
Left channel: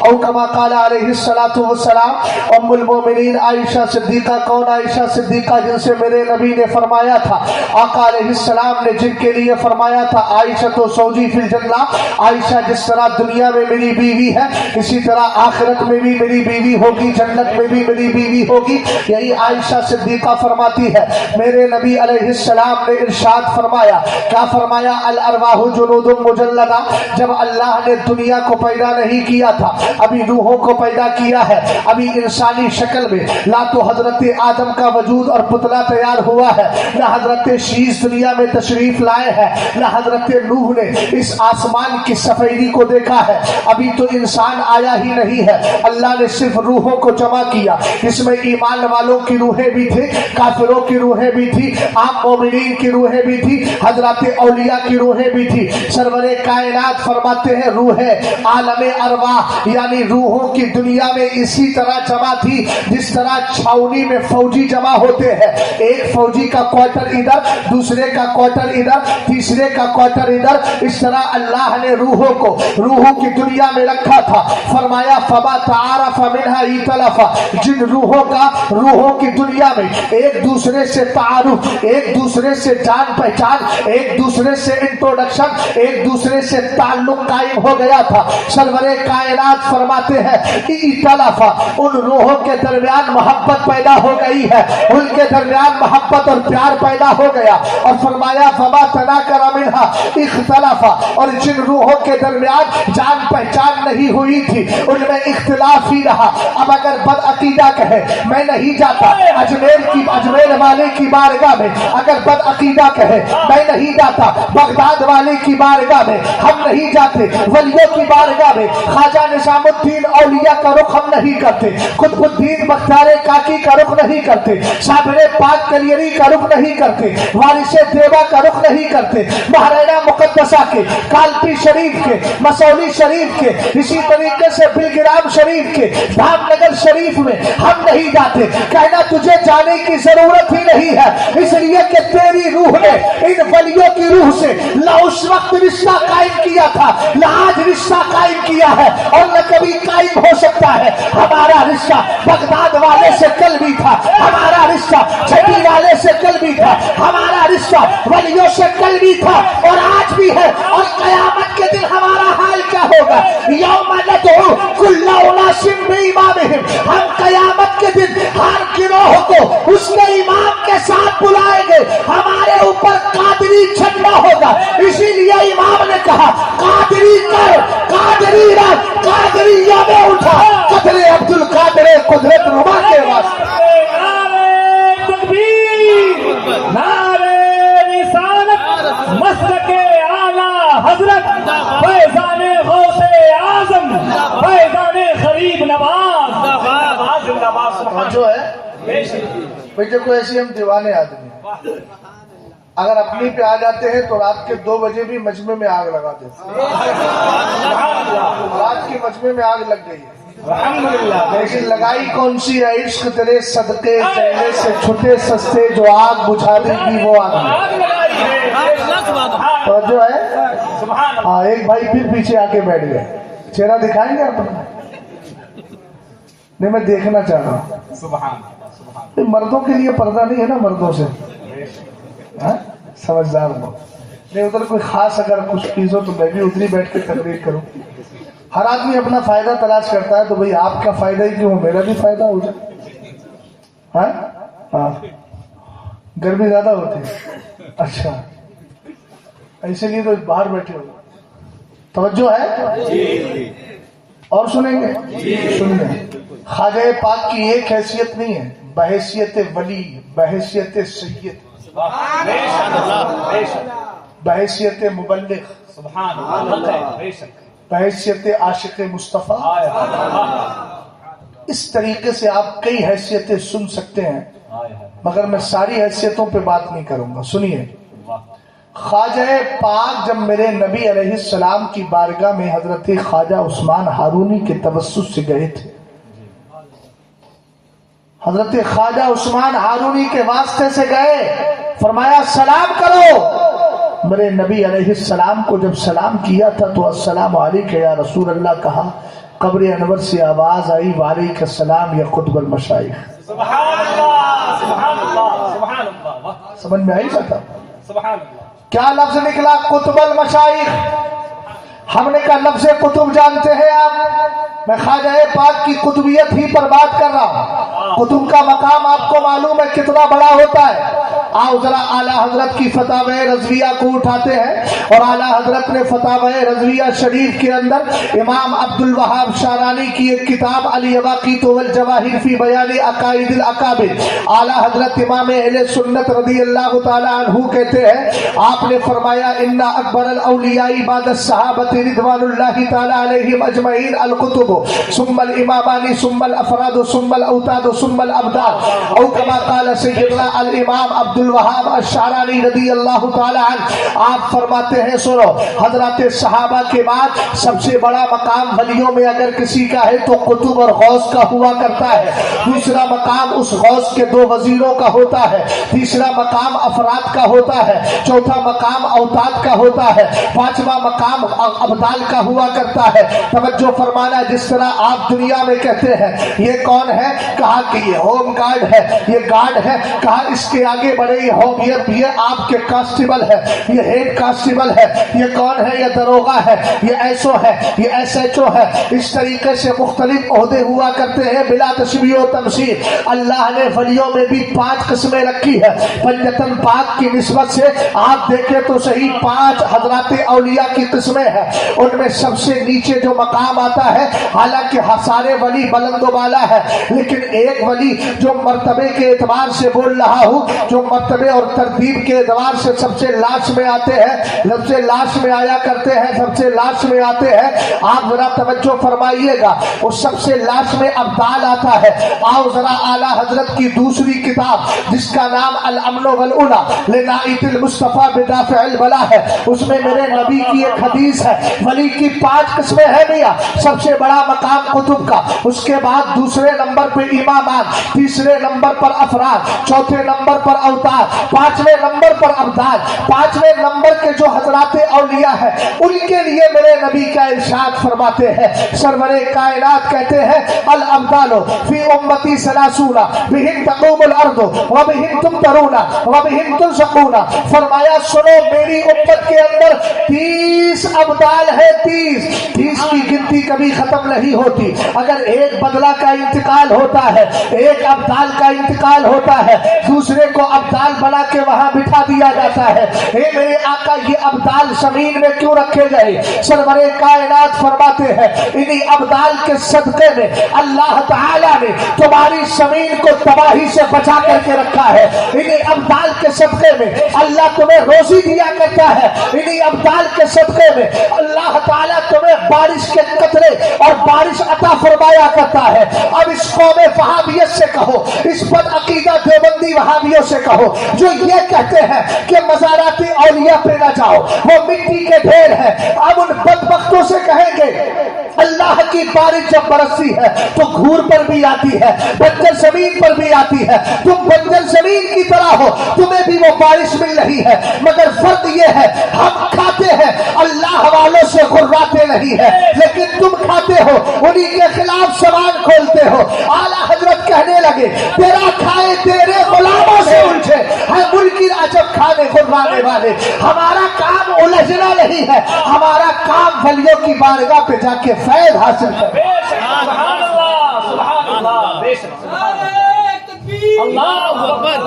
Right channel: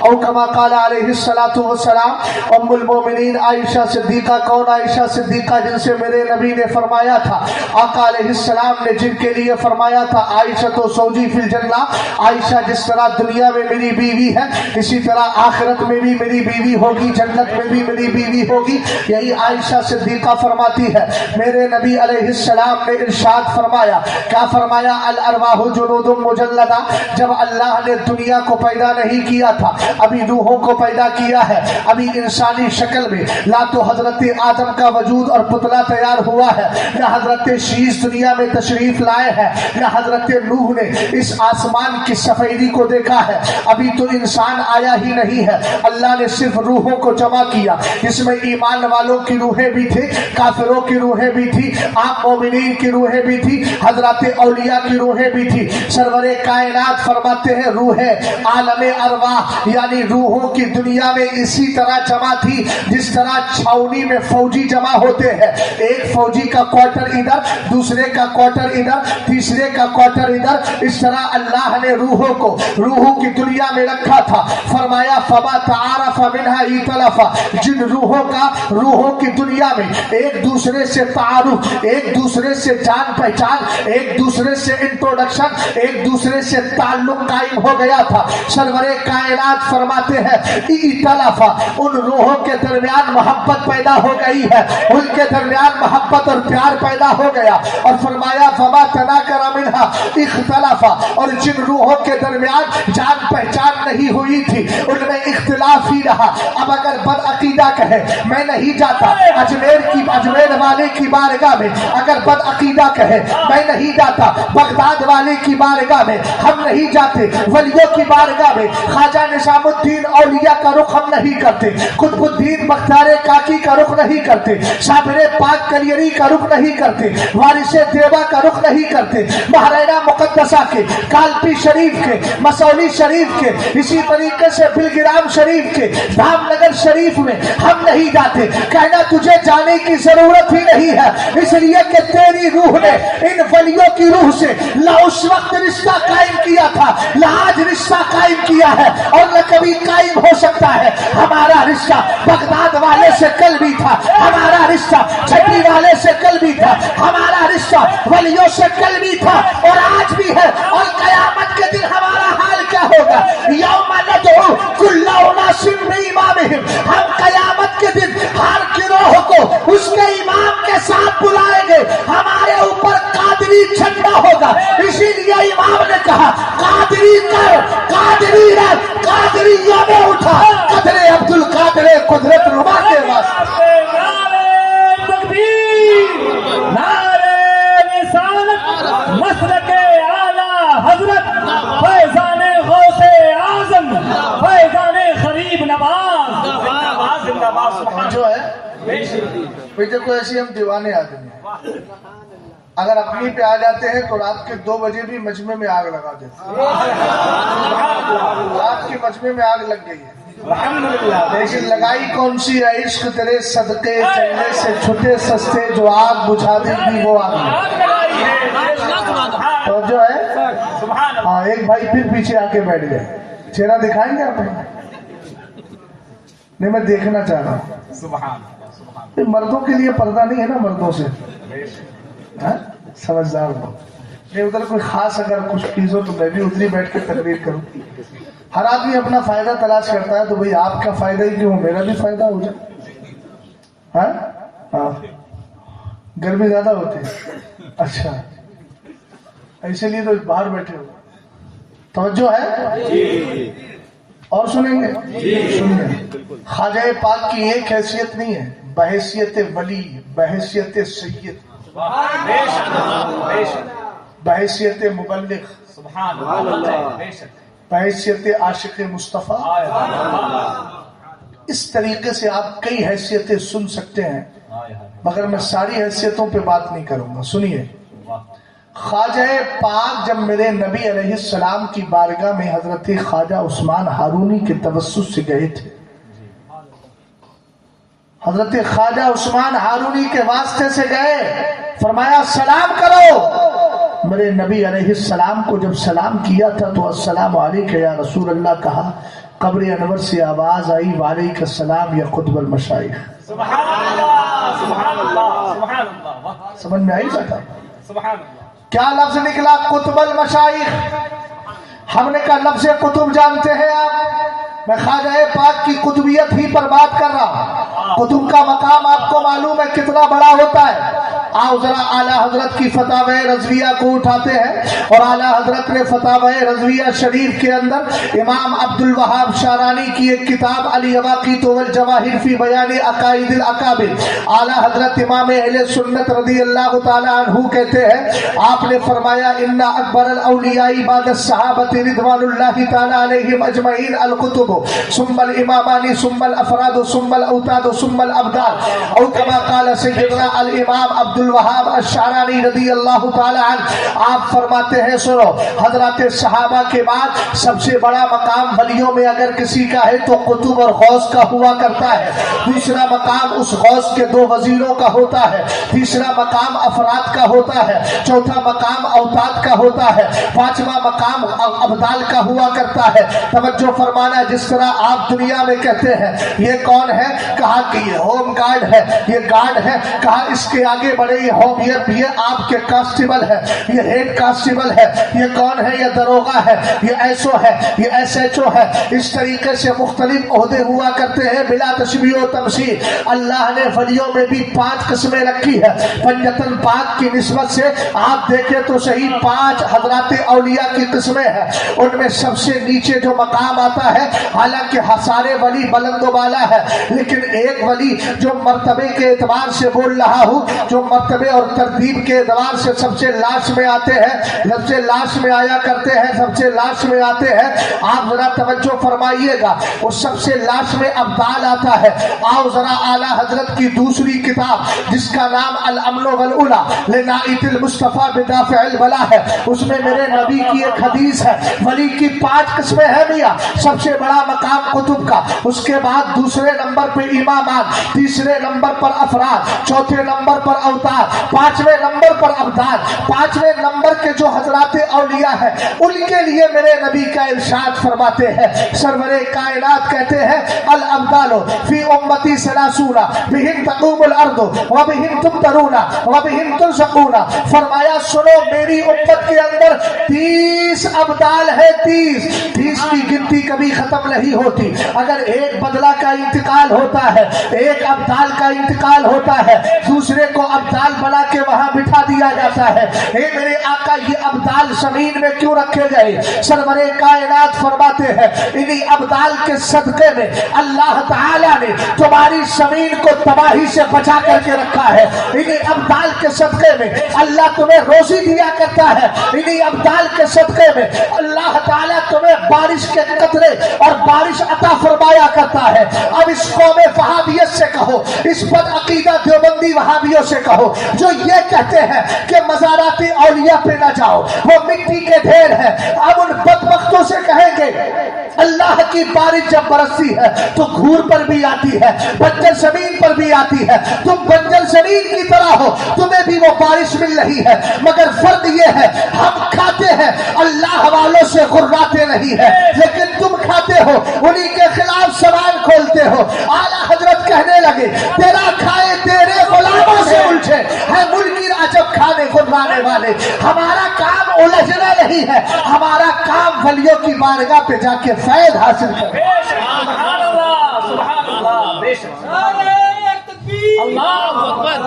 او کما قال علیہ الصلاة والسلام۔ ام المومنین عائشہ صدیقہ کون؟ عائشہ صدیقہ جن سے میرے نبی نے فرمایا تھا، آقا علیہ السلام نے جن کے لیے فرمایا تھا عائشہ تو زوجی فی الجنہ، عائشہ جس طرح دنیا میں میری بیوی ہے اسی طرح آخرت میں بھی میری بیوی ہوگی، جنت میں بھی میری بیوی ہوگی۔ یہی عائشہ صدیقہ فرماتی ہے۔ میرے نبی علیہ السلام نے ارشاد فرمایا، کیا فرمایا؟ الارواح جنود مجلدہ، جب اللہ نے دنیا کو پیدا نہیں کیا تھا، ابھی روحوں کو پیدا کیا ہے، ابھی انسانی شکل میں، نہ تو حضرت آدم کا وجود اور پتلا تیار ہوا ہے، نہ حضرت شیش دنیا میں تشریف لائے ہیں، نہ حضرت نوح نے اس آسمان کی سفیدی کو دیکھا ہے، ابھی تو انسان آیا ہی نہیں ہے۔ اللہ نے صرف روحوں کو جمع کیا، جس میں ایمان والوں کی روحیں بھی تھی، کافروں کی روحیں بھی تھی، عام مومنین کی روحیں بھی تھی، حضرات اولیاء کی روحیں بھی تھی۔ سرور کائنات فرماتے ہیں روح عالم ارواح یعنی روحوں کی دنیا میں اسی طرح جمع تھی جس طرح چھاؤنی میں فوجی جمع ہوتے ہیں، ایک فوجی کا کوارٹر ادھر، دوسرے کا کوارٹر ادھر، تیسرے کا کوارٹر ادھر، اس طرح اللہ نے روحوں کو روحوں کی دنیا میں رکھا تھا۔ فرمایا فما تعارف منها ائتلف، جن روحوں کا روحوں کی دنیا میں ایک دوسرے سے تعارف، ایک دوسرے سے جان پہچان، ایک دوسرے سے انٹروڈکشن، ایک دوسرے سے تعلق قائم ہو گیا تھا، سرور کائنات فرماتے ہیں ائتلف، ان روحوں کے درمیان محبت پیدا ہو گئی ہے، ان کے درمیان محبت اور پیار پیدا ہو گیا، اور فرمایا فما تناکر منها اختلف، اور جن روحوں کے درمیان جان پہچان نہیں ہوئی تھی ان میں اختلاف ہی رہا۔ اب اگر بد عقیدہ کہے میں نہیں جاتا اجمیر والے کی بارگاہ میں، اگر بد عقیدہ کہے میں نہیں جاتا بغداد والے کی بارگاہ میں، ہم نہیں جاتے ولیوں کی بارگاہ میں، خواجہ نظام الدین اولیاء کا رخ ہم نہیں کرتے، قطب الدین بختیار کاکی کا رخ نہیں کرتے، صابر پاک کلیری کا رخ نہیں کرتے، وارث دیوا کا رخ نہیں کرتے، مہرینہ مقدسہ کے، کالپی شریف کے، مسولی شریف کے، اسی طریقے سے بلگرام شریف کے، دھام نگر شریف میں ہم نہیں جاتے۔ کہنا تجھے جانے کی ضرورت ہی نہیں ہے، اس لیے کہ تیری روح نے ان ولیوں کی روح سے نہ اس وقت رشتہ قائم کیا تھا، نہ آج رشتہ قائم کیا ہے، اور نہ کبھی قائم ہو سکتا ہے۔ ہمارا رشتہ بغداد والے سے کل بھی تھا، ہمارا رشتہ چھٹی والے سے کل بھی تھا، ہمارا رشتہ ولیوں سے کل بھی تھا اور آج بھی ہے، اور قیامت کے دن ہمارا حال کیا ہوگا؟ یوم ندعو کل اناس بامامہم، ہم قیامت کے دن ہر گروہ کو اس کے امام کے ساتھ بلائیں گے، ہمارے اوپر قادری جھنڈا ہوگا۔ اسی لیے امام نے کہا قادری کر، قادری رکھ، قادریہ میں اٹھا، قدر عبد القادر قدرت نما کے واسطے۔ نعرہ تکبیر، نعرہ رسالت، مسلک اعلی حضرت فیضان غوث اعظم، فیضان غریب نواز، زندہ باد سبحان جو ہے بے شک۔ بھئی دیکھو ایسی ہم دیوانے آدمی ہیں، اگر اپنی پہ آ جاتے ہیں تو رات کے 2 بجے بھی مجمع میں آگ لگا دیتے ہیں۔ رات کے مجمع میں آگ لگ گئی ہے، الحمدللہ لیکن لگائی کون سی ہے؟ عشق تیرے صدقے چہرے سے چھٹے سستے، جو آگ بجھا دے گی وہ آگ ہے۔ آگ لگائی ہے، توجہ ہے؟ سبحان اللہ، ہاں، ایک بھائی پھر پیچھے آ کے بیٹھ گئے، چہرہ دکھائیں گے آپ نے؟ نہیں، میں دیکھنا چاہ رہا ہوں۔ سبحان اللہ، سبحان یہ مردوں کے لیے پردہ نہیں ہے نا، مردوں سے ہاں؟ سمجھدار ہو نہیں، ادھر کوئی خاص اگر کچھ چیز ہو تو میں بھی ادھر ہی بیٹھ کے تقریر کروں۔ ہر آدمی اپنا فائدہ تلاش کرتا ہے، تو بھئی آپ کا فائدہ ہی کیوں، میرا بھی فائدہ ہو جائے۔ ہاں ہاں، گرمی زیادہ ہوتی ہے، اچھا ایسے لیے تو باہر بیٹھے ہو۔ توجہ ہے؟ اور سنیں گے؟ سنیں۔ خواجہ پاک کی ایک حیثیت نہیں ہے، بحیثیت ولی، بحیثیت سید، بے شک، بے شک، بحیثیت مبلغ، سبحان اللہ، بے شک، بحیثیت عاشق مصطفیٰ۔ اس طریقے سے آپ کئی حیثیتیں سن سکتے ہیں، مگر میں ساری حیثیتوں پہ بات نہیں کروں گا۔ سنیے، خواجہ پاک جب میرے نبی علیہ السلام کی بارگاہ میں حضرت خواجہ عثمان ہارونی کے توسط سے گئے تھے، حضرت خواجہ عثمان ہارونی کے واسطے سے گئے، فرمایا سلام کرو۔ میرے نبی علیہ السلام کو جب سلام کیا تھا تو السلام علیکم یا رسول اللہ کہا، قبر انور سے آواز آئی وعلیکم السلام یا قطب المشائخ۔ سبحان اللہ، سبحان اللہ، سبحان اللہ، سمجھ میں آئی بات؟ سبحان اللہ، کیا لفظ نکلا؟ قطب المشائخ۔ ہم نے کہا لفظ قطب جانتے ہیں آپ؟ میں خواجہ پاک کی قطبیت ہی پر بات کر رہا۔ قطب کا مقام آپ کو معلوم ہے کتنا بڑا ہوتا ہے؟ آؤ ذرا اعلیٰ حضرت کی فتاوی رضویہ کو اٹھاتے ہیں، اور اعلیٰ حضرت نے فتاوی رضویہ شریف کے اندر امام عبد الوہاب شارانی کی ایک کتاب الیواقیت والجواہر فی بیان عقائد الاکابر، اعلیٰ حضرت امام اہل سنت رضی اللہ تعالی عنہ کہتے ہیں، آپ نے فرمایا ان اکبر الاولیاء بعد الصحابۃ رضوان اللہ تعالی علیہم اجمعین الکتب ثم الامامان ثم الافراد ثم الاوتاد ثم الابدال، او کما قال سیدنا الامام عبد الوہاب الشعرانی رضی اللہ تعالی عنہ۔ آپ فرماتے ہیں سنو، حضرات صحابہ کے بعد سب سے بڑا مقام ولیوں میں اگر کسی کا ہے تو قطب اور غوث کا ہوا کرتا ہے، دوسرا مقام اس غوث کے دو وزیروں کا ہوتا ہے، تیسرا مقام افراد کا ہوتا ہے، چوتھا مقام اوتاد کا ہوتا ہے، پانچواں مقام ابدال کا ہوا کرتا ہے۔ توجہ فرمانا، جس طرح آپ دنیا میں کہتے ہیں یہ کون ہے، کہا کہ یہ ہوم گارڈ ہے، یہ گارڈ ہے، کہا اس کے آگے بڑے یہ ہوم، یہ آپ کے کانسٹیبل ہے، یہ ہیڈ کانسٹیبل ہے، یہ کون ہے، یہ دروغہ ہے، یہ ایس او ہے، یہ ایس ایچ او ہے۔ اس طریقے سے مختلف عہدے ہوا کرتے ہیں بلا تشبیہ و تمثیل۔ اللہ نے ولیوں میں بھی 5 قسمیں رکھی ہے، پنجتن پاک کی نسبت سے آپ دیکھیں تو صحیح 5 حضرات اولیاء کی قسمیں ہیں۔ ان میں سب سے نیچے جو مقام آتا ہے، حالانکہ سارے ولی بلند و بالا ہے، لیکن ایک ولی جو مرتبے کے اعتبار سے بول رہا ہوں، جو مرتبے اور ترتیب کے اعتبار سے سب سے لاش میں آتے ہیں، سب سے لاش میں آیا کرتے ہیں، سب سے لاش میں آتے ہیں، آپ ذرا توجہ فرمائیے گا، وہ سب سے لاش میں ابدال آتا ہے۔ آؤ ذرا اعلیٰ حضرت کی دوسری کتاب جس کا نام الامن والعلا لنائت المصطفیٰ بدافع البلا ہے، اس میں میرے نبی کی ایک حدیث ہے، ولی کی 5 قسمیں ہیں میاں، سب سے بڑا مقام قطب کا، اس کے بعد دوسرے نمبر پہ امامات، تیسرے نمبر پر افراد، چوتھے نمبر پر اوتاد، 5ویں نمبر پر ابدال۔ 5ویں نمبر کے جو حضرات اولیاء ہیں ان کے لیے میرے نبی کا ارشاد فرماتے ہیں، سرور کائنات کہتے ہیں الابدال فی امتی 30 بہم تقوم الارض وبہم تمطرون وبہم ترزقون۔ فرمایا سنو، میری امت کے اندر 30 ابدال ہے، 30 کی گنتی کبھی ختم نہیں ہوتی۔ اگر ایک بدلہ کا انتقال ہوتا ہے، ایک ابدال کا انتقال ہوتا ہے، دوسرے کو ابدال بنا کے وہاں بٹھا دیا جاتا ہے۔ اے میرے آقا، یہ ابدال زمین میں کیوں رکھے گئے؟ سرور کائنات فرماتے ہیں انہی ابدال کے صدقے میں اللہ تعالیٰ نے تمہاری زمین کو تباہی سے بچا کر کے رکھا ہے، انہی ابدال کے صدقے میں اللہ تمہیں روزی دیا کرتا ہے، انہی ابدال کے صدقے میں اللہ تعالیٰ تمہیں بارش کے قطرے اور بارش عطا فرمایا کرتا ہے۔ اب اس قوم وہابیت سے کہو، اس بد عقیدہ دیوبندی وہابیوں سے کہو جو یہ کہتے ہیں کہ مزارات اولیاء پہ نہ جاؤ، وہ مٹی کے ڈھیر ہیں، اب ان بدبختوں سے کہیں گے اللہ کی بارش جب برستی ہے تو گھور پر بھی آتی ہے، بنجر زمین پر بھی آتی ہے، تم بنجر زمین کی طرح ہو، تمہیں بھی وہ بارش مل رہی ہے، مگر فرق یہ ہے ہم کھاتے ہیں، اللہ والوں سے غراتے نہیں ہے، لیکن تم کھاتے ہو، انہی کے خلاف سوال کھولتے ہو۔ اعلیٰ حضرت کہنے لگے تیرا کھائے تیرے غلاموں سے الجھے ہے ملکی راجب کھانے غرانے والے، ہمارا کام الجھنا نہیں ہے، ہمارا کام ولیوں کی بارگاہ پہ جا کے فیض حاصل کرنا۔ بے شک سبحان اللہ سبحان اللہ بے شک اللہ اکبر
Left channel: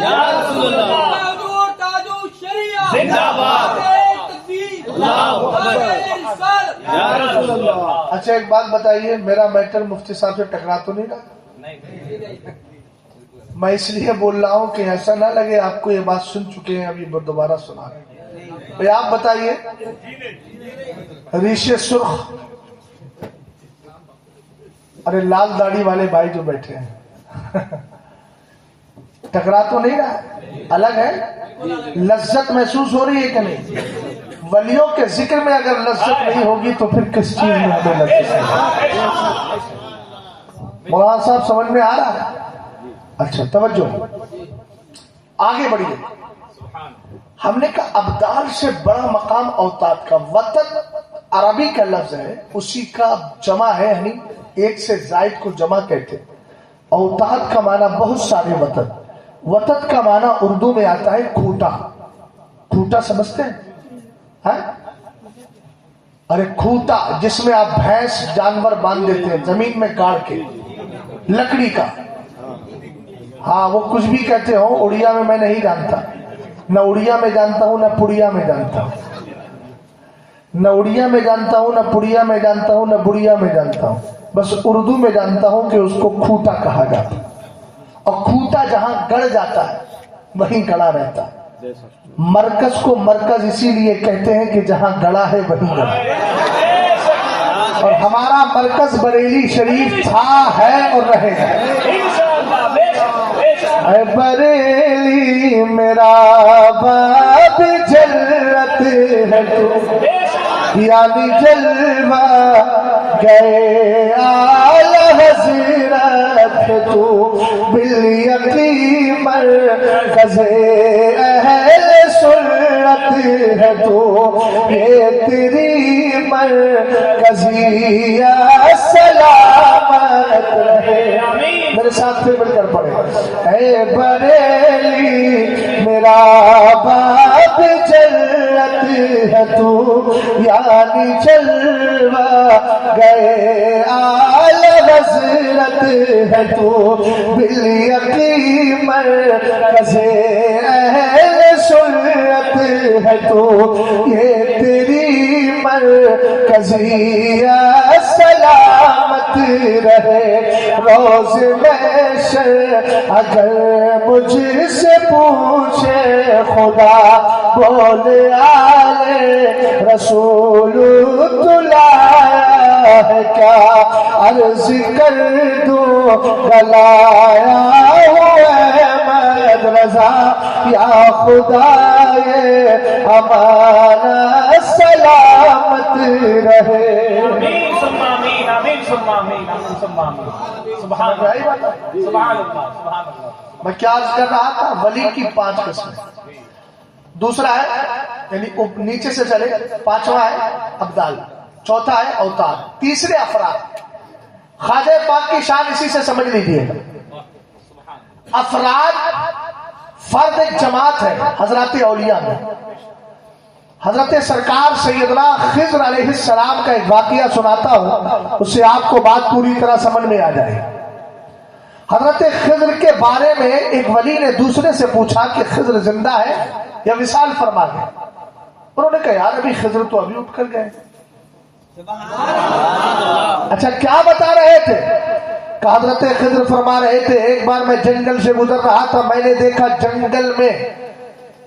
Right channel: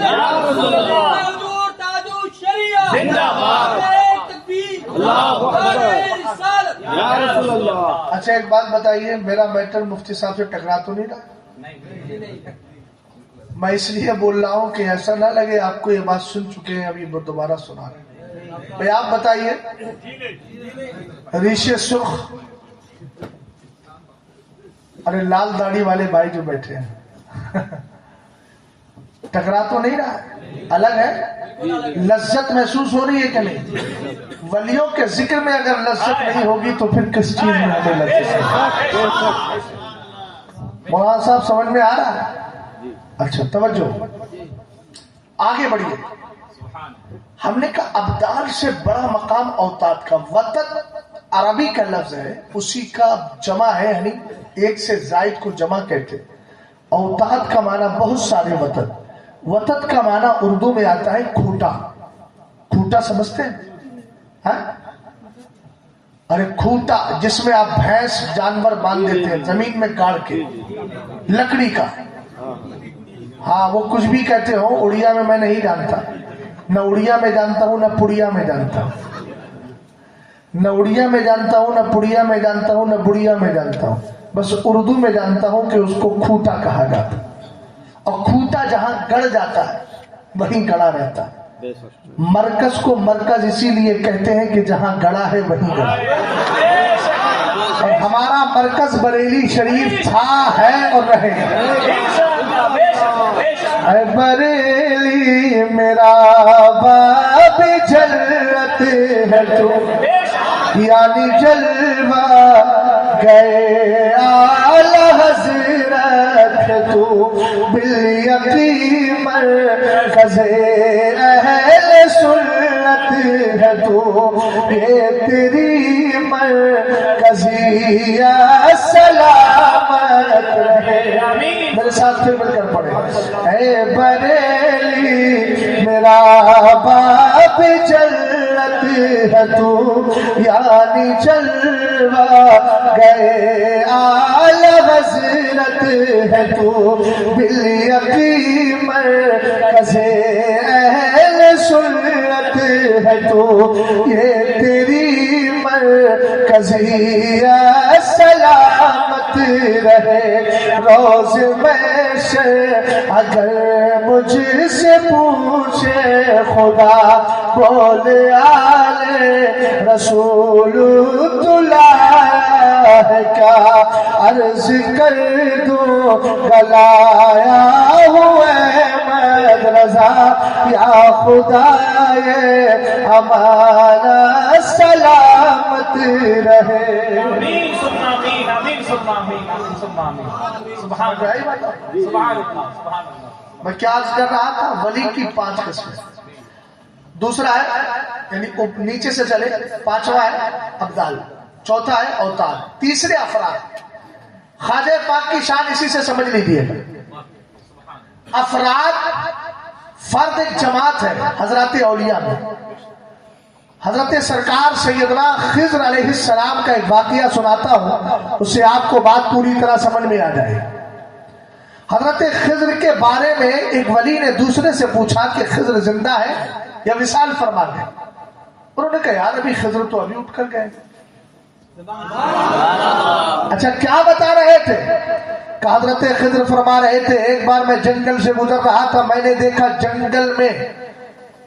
یا رسول اللہ زندہ باد اللہ اکبر یا رسول اللہ۔ اچھا ایک بات بتائیے، میرا میٹر مفتی صاحب سے ٹکرا تو نہیں رہا؟ میں اس لیے بول رہا ہوں کہ ایسا نہ لگے آپ کو یہ بات سن چکے ہیں، ابھی دوبارہ سنا رہے ہیں۔ بھئی آپ بتائیے، ریشے سرخ، ارے لال داڑھی والے بھائی جو بیٹھے ہیں، ٹکرا تو نہیں رہا؟ الگ ہے؟ لذت محسوس ہو رہی ہے کہ نہیں؟ ولیوں کے ذکر میں اگر لذت نہیں ہوگی تو پھر کس چیز میں ہمیں لذت ہے؟ مولانا صاحب سمجھ میں آ رہا ہے؟ اچھا توجہ، آگے بڑھیے۔ ہم نے کہا ابدال سے بڑا مقام اوتاد کا، وطن عربی کا لفظ ہے، اسی کا جمع ہے، یعنی ایک سے زائد کو جمع کہتے۔ اوتاد کا معنی بہت سارے وطن، وطن کا معنی اردو میں آتا ہے کھوٹا۔ کھوٹا سمجھتے ہیں؟ ہاں؟ ارے کھوٹا جس میں آپ بھینس جانور باندھ دیتے ہیں زمین میں گاڑ کے، لکڑی کا۔ ہاں وہ کچھ بھی کہتے ہو، اڑیا میں میں نہیں جانتا، نہ اڑیا میں جانتا ہوں نہ پڑیا میں جانتا ہوں، نہ اڑیا میں جانتا ہوں نہ پڑیا میں جانتا ہوں نہ بڑیا میں جانتا ہوں، بس اردو میں جانتا ہوں کہ اس کو کھوٹا کہا جاتا ہے، اور کھوٹا جہاں گڑ جاتا ہے وہیں گڑا رہتا ہے۔ مرکز کو مرکز اسی لیے کہتے ہیں کہ جہاں گڑا ہے وہیں گڑا، اور ہمارا مرکز بریلی شریف تھا، ہے اور رہے گا۔ اے بریلی میرا باب جلت ہے تو، یعنی جلوہ گئے آل حضرت تو، بالیقین مرکز اہل سنت ہے تو، یہ تیری مرکزیہ سلامت رہے۔ میرے ساتھ پھر مل کر پڑھے، اے بریلی میرا باب جلت ہے تو، یعنی جلوہ گئے آل حضرت ہے تو، بالیقین مرکز اہل سنت ہے تو، یہ تیری مرکزیہ سلامت رہے۔ روز محشر اگر مجھ سے پوچھے خدا، بول آل رسول تو لایا ہے کیا، عرض کر دوں بلایا ہوں احمد رضا، یا خدائے ہمارا سلامت رہے۔ آمین آمین ثم آمین آمین ثم آمین۔ سبحان اللہ سبحان اللہ سبحان اللہ۔ میں کیا عرض کر رہا تھا؟ ولی کی 5 قسمیں، دوسرا ہے یعنی نیچے سے چلے، پانچواں ہے ابدال، چوتھا ہے اوتاد، تیسرے افراد۔ خواجہ پاک کی شان اسی سے سمجھ لیجیے گا۔ افراد فرد ایک جماعت ہے حضرات اولیاء میں۔ حضرت سرکار سیدنا خضر علیہ السلام کا ایک واقعہ سناتا ہوں، اس سے آپ کو بات پوری طرح سمجھ میں آ جائے۔ حضرت خضر کے بارے میں ایک ولی نے دوسرے سے پوچھا کہ خضر زندہ ہے یا وصال فرما گئے؟ انہوں نے کہا یار ابھی خضر تو ابھی اٹھ کر گئے۔ اچھا کیا بتا رہے تھے؟ کہ حضرت خضر فرما رہے تھے ایک بار میں جنگل سے گزر رہا تھا، میں نے دیکھا جنگل میں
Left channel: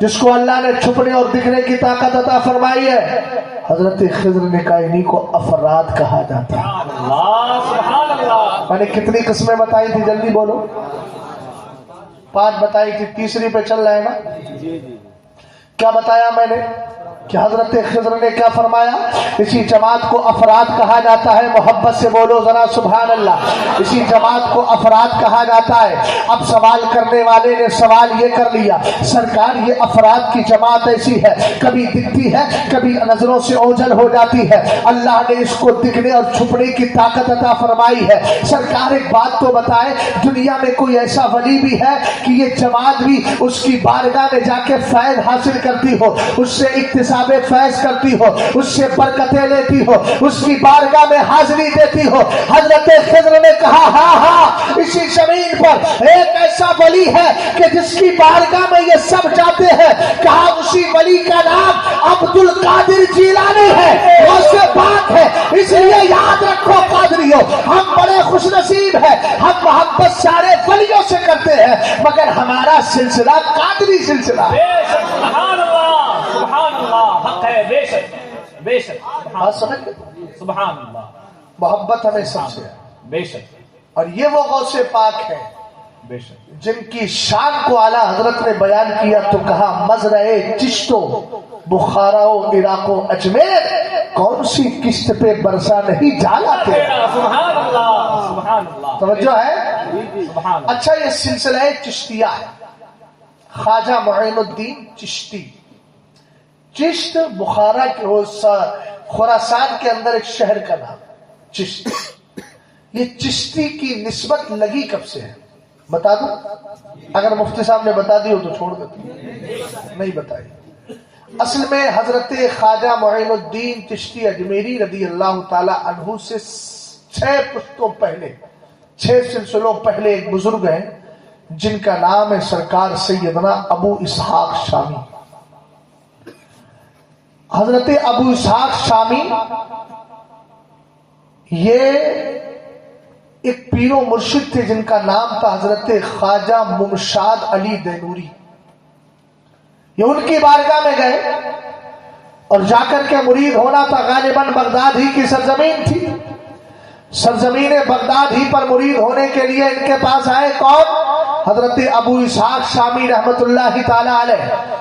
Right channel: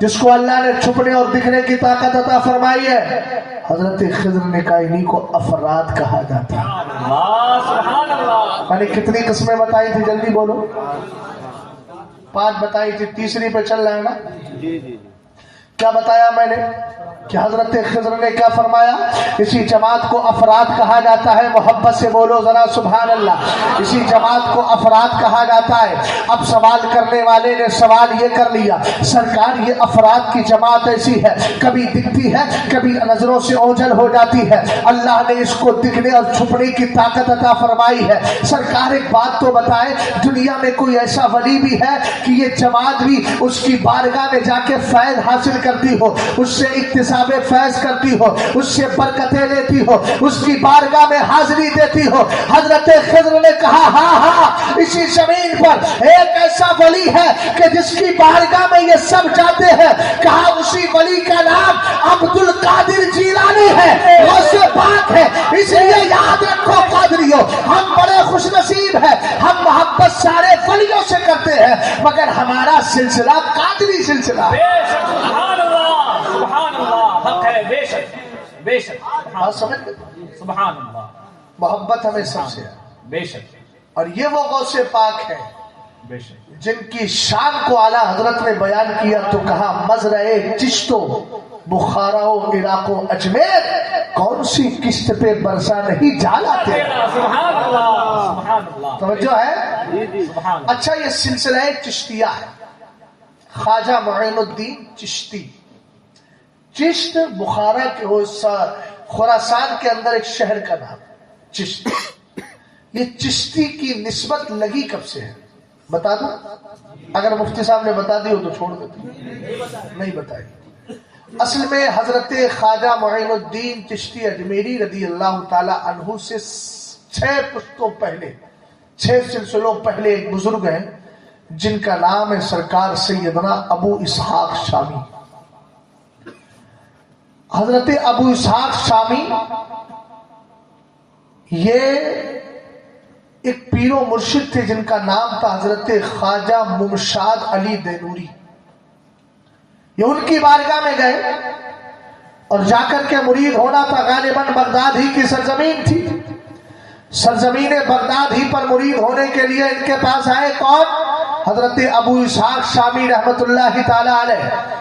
جس کو اللہ نے چھپنے اور دکھنے کی طاقت عطا فرمائی ہے، حضرت خضر نے کہا انہی کو افراد کہا جاتا ہے۔ سبحان اللہ۔ میں نے کتنی قسمیں بتائی تھی، جلدی بولو؟ 5 بتائی تھی، تیسری پہ چل رہا ہے نا؟ کیا بتایا میں نے کہ حضرت خضر نے کیا فرمایا؟ اسی جماعت کو افراد کہا جاتا ہے۔ محبت سے بولو ذرا سبحان اللہ۔ اسی جماعت کو افراد کہا جاتا ہے۔ اب سوال کرنے والے نے سوال یہ کر لیا، سرکار یہ افراد کی جماعت ایسی ہے، کبھی دکھتی ہے کبھی نظروں سے اوجھل ہو جاتی ہے، اللہ نے اس کو دکھنے اور چھپنے کی طاقت عطا فرمائی ہے، سرکار ایک بات تو بتائے، دنیا میں کوئی ایسا ولی بھی ہے کہ یہ جماعت بھی اس کی بارگاہ میں جا کے فیض حاصل کرتی ہو، اس سے اکتساب فیض کرتی ہو، اس سے برکتیں لیتی ہو، اس کی بارگاہ میں حاضری دیتی ہو؟ حضرت خضر نے کہا ہاں، اسی زمین پر ایک ایسا ولی ہے کہ جس کی بارگاہ میں یہ سب جاتے ہیں۔ کہا اسی ولی کا نام عبد القادر جیلانی ہے، غوث پاک ہے۔ اس لیے یاد رکھو قادریو، ہم بڑے خوش نصیب ہیں، ہم محبت سارے ولیوں سے کرتے ہیں، مگر ہمارا سلسلہ قادری سلسلہ ہے۔ سبحان اللہ، سبحان اللہ، حق ہے، بے شک بے شک۔ بات سمجھ گئے؟ سبحان اللہ، محبت ہمیں سب سے ہے، بے شک اور یہ وہ غوث پاک ہے بے شک۔ جن کی شان کو اعلیٰ حضرت نے بیان کیا تو کہا مزرعے چشت و بخارا و عراق و اجمیر، کون سی قسط پہ برسا نہیں جانا تیرا۔ سبحان اللہ، سبحان اللہ، توجہ ہے؟ سبحان اللہ۔ اچھا، یہ سلسلہ چشتیہ ہے، خواجہ معین الدین چشتی۔ چشت بخارا کے خراسان کے اندر ایک شہر کا نام چشت۔ یہ چشتی کی نسبت لگی کب سے ہے بتا دوں؟ اگر مفتی صاحب نے بتا دی ہو تو چھوڑ دیتے، نہیں بتائی۔ اصل میں حضرت خواجہ معین الدین چشتی اجمیری رضی اللہ تعالی عنہ سے 6 پشتوں پہلے، 6 سلسلوں پہلے ایک بزرگ ہیں جن کا نام ہے سرکار سیدنا ابو اسحاق شامی۔ حضرت ابو اسحاق شامی یہ ایک پیر و مرشد تھے جن کا نام تھا حضرت خواجہ ممشاد علی دینوری۔ یہ ان کی بارگاہ میں گئے اور جا کر کے مرید ہونا تھا، غالباً بغداد ہی کی سرزمین تھی، سرزمین بغداد ہی پر مرید ہونے کے لیے ان کے پاس آئے کون؟ حضرت ابو اسحاق شامی رحمت اللہ تعالی علیہ۔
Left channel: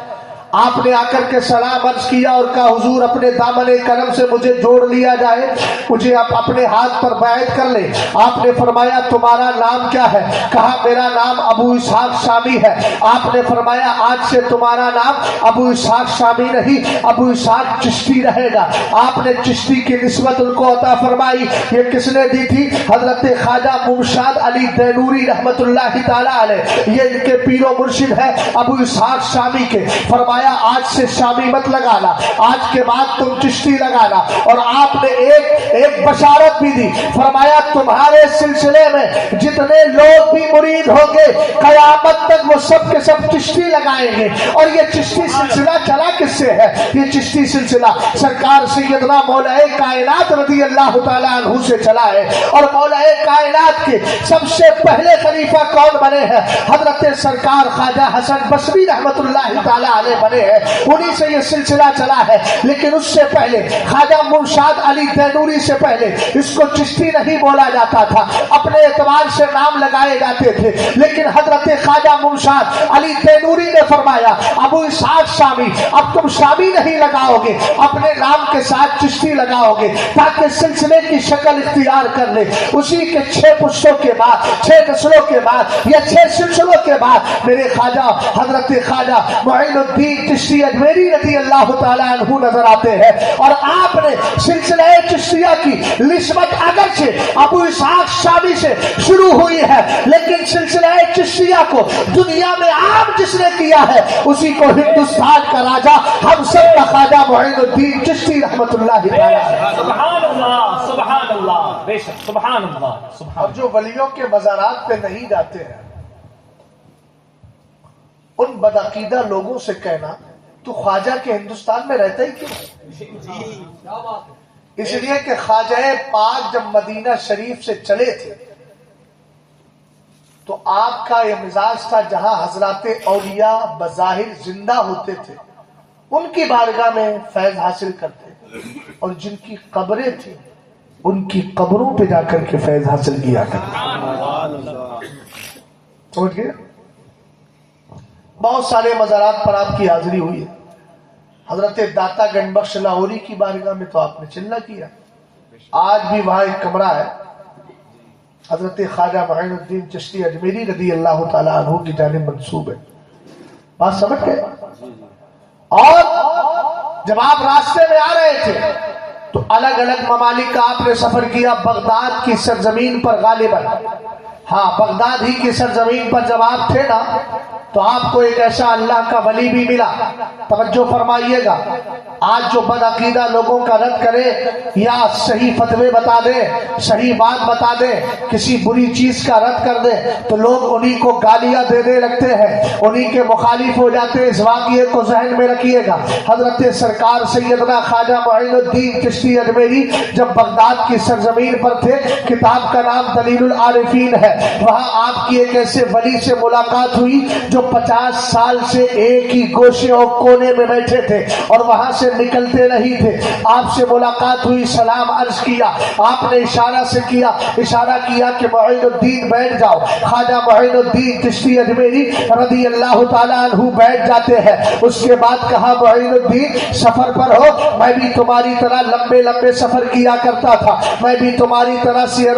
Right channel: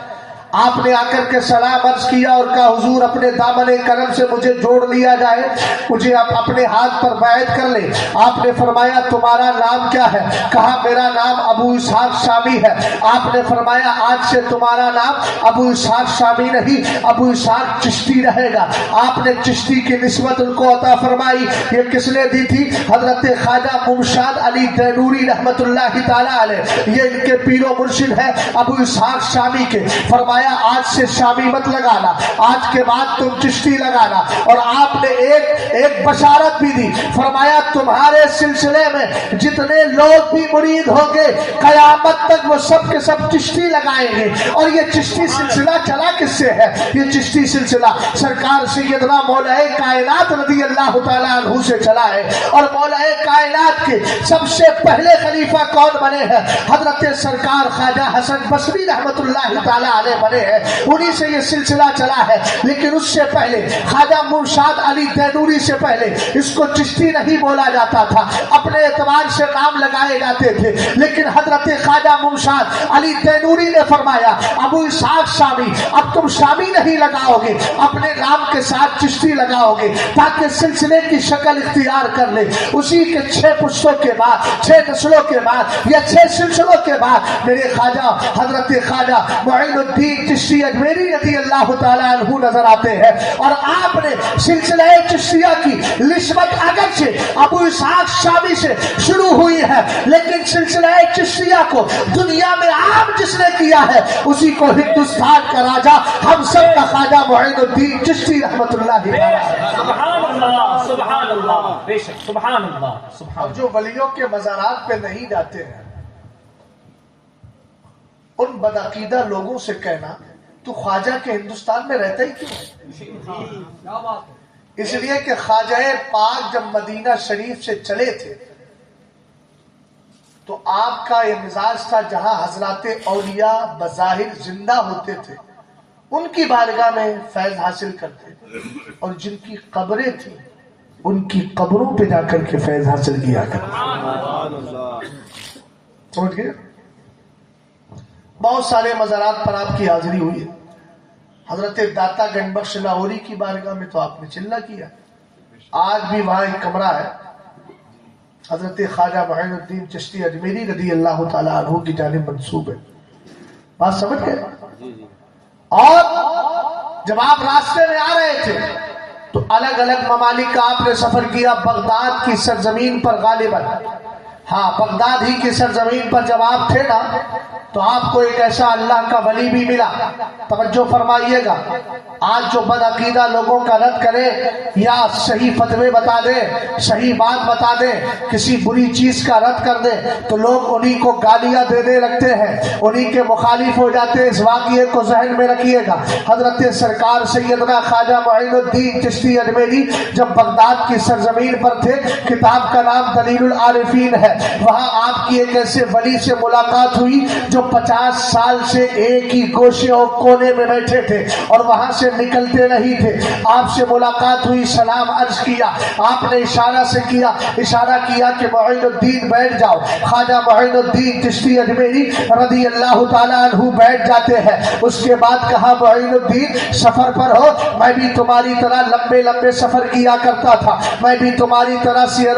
آپ نے آ کر کے سلام عرض کیا اور کہا حضور اپنے دامن کرم سے مجھے جوڑ لیا جائے، مجھے آپ اپنے ہاتھ پر بیعت کر لیں۔ آپ نے فرمایا تمہارا نام کیا ہے؟ کہا میرا نام ابو اسحاق شامی ہے۔ آپ نے فرمایا آج سے تمہارا نام ابو اسحاق شامی نہیں، ابو اسحاق چشتی رہے گا۔ آپ نے چشتی کی نسبت ان کو عطا فرمائی۔ یہ کس نے دی تھی؟ حضرت خواجہ ممشاد علی دینوری رحمت اللہ تعالی علیہ، یہ ان کے پیر و مرشد ہے ابو اسحاق شامی کے۔ فرمایا آج سے شامی مت لگانا، آج کے بعد تم چشتی لگانا۔ اور آپ نے ایک بشارت بھی دی، فرمایا تمہارے سلسلے میں جتنے لوگ بھی مرید ہوں گے قیامت تک وہ سب کے سب چشتی لگائیں گے۔ اور یہ چشتی سلسلہ چلا کس سے ہے؟ یہ چشتی سلسلہ سرکار سیدنا مولا کائنات رضی اللہ تعالیٰ عنہ سے چلا ہے۔ اور مولا کائنات کے سب سے پہلے خلیفہ کون بنے ہیں؟ حضرت سرکار خواجہ حسن بصری رحمت اللہ تعالیٰ علیہ بنے ہیں، انہی سے یہ سلسلہ چلا ہے۔ لیکن اس سے پہلے خواجہ ممشاد علی دینوری سے پہلے اس کو چشتی نہیں بولا جاتا تھا، اپنے اعتبار سے نام لگائے جاتے تھے۔ لیکن حضرت خواجہ ممشاد علی دینوری نے فرمایا ابو اسحاق شامی اب تم شامی نہیں لگاؤ گے، اپنے نام کے ساتھ چشتی لگاؤ گے تاکہ سلسلے کی شکل اختیار کر لے۔ اسی کے 6 پشتوں کے بعد، 6 نسلوں کے بعد یا 6 سلسلوں کے بعد میرے خواجہ حضرت خواجہ معین الدین چشتی اجمیری رضی اللہ تعالیٰ عنہ نظر آتے ہیں۔ اور آپ نے سلسلہ چشتیہ کی نسبت اگرچہ ابو اسحاق شامی سے شروع ہوئی ہے، لیکن سلسلہ چشتیہ کو دنیا میں عام جس نے کیا ہے اسی کو ہندوستان کا راجا ہم سب کا خواجہ معین الدین چشتی رحمت اللہ تعالیٰ۔ سبحان اللہ، سبحان اللہ، بے شک، سبحان اللہ، سبحان اور جو ولیوں کے مزارات پہ نہیں جاتے ہیں ان بدعقیدہ لوگوں سے کہنا تو خواجہ کے ہندوستان میں رہتا ہی کیوں؟ اس لیے کہ خواجہ پاک جب مدینہ شریف سے چلے تھے تو آپ کا یہ مزاج تھا جہاں حضرات اولیاء بظاہر زندہ ہوتے تھے ان کی بارگاہ میں فیض حاصل کرتے، اور جن کی قبریں تھیں ان کی قبروں پہ جا کر کے فیض حاصل کیا کرتے۔ سمجھ گئے؟ بہت سارے مزارات پر آپ کی حاضری ہوئی ہے۔ حضرت داتا گنج بخش لاہوری کی بارگاہ میں تو آپ نے چلنا کیا، آج بھی وہاں ایک کمرہ ہے، حضرت خواجہ معین الدین چشتی اجمیری رضی اللہ تعالیٰ عنہ کی جانب منسوب ہے۔ بات سمجھ گئے؟ اور جب آپ راستے میں آ رہے تھے تو الگ الگ ممالک کا آپ نے سفر کیا، بغداد کی سرزمین پر غالباً، ہاں بغداد ہی کی سرزمین پر جب آپ تھے نا تو آپ کو ایک ایسا اللہ کا ولی بھی ملا۔ توجہ فرمائیے گا، آج جو بد عقیدہ لوگوں کا رد کرے یا صحیح فتوے بتا دے، صحیح بات بتا دے، کسی بری چیز کا رد کر دے تو لوگ انہی کو گالیاں دینے لگتے ہیں، انہی کے مخالف ہو جاتے ہیں۔ اس واقعے کو ذہن میں رکھیے گا، حضرت سرکار سیدنا خواجہ معین الدین چشتی اجمیری جب بغداد کی سرزمین پر تھے، کتاب کا نام دلیل العارفین ہے، وہاں آپ کی ایک ایسے ولی سے ملاقات ہوئی جو 50 سال سے ایک ہی گوشے اور کونے میں بیٹھے تھے اور وہاں سے نکلتے نہیں تھے۔ آپ سے ملاقات ہوئی، سلام عرض کیا، آپ نے اشارہ کیا کہ معین الدین بیٹھ جاؤ۔ خواجہ معین الدین چشتی اجمیری رضی اللہ تعالیٰ عنہ بیٹھ جاتے ہیں۔ اس کے بعد کہا معین الدین سفر پر ہو، میں بھی تمہاری طرح لمبے لمبے سفر کیا کرتا تھا، میں بھی تمہاری طرح سیر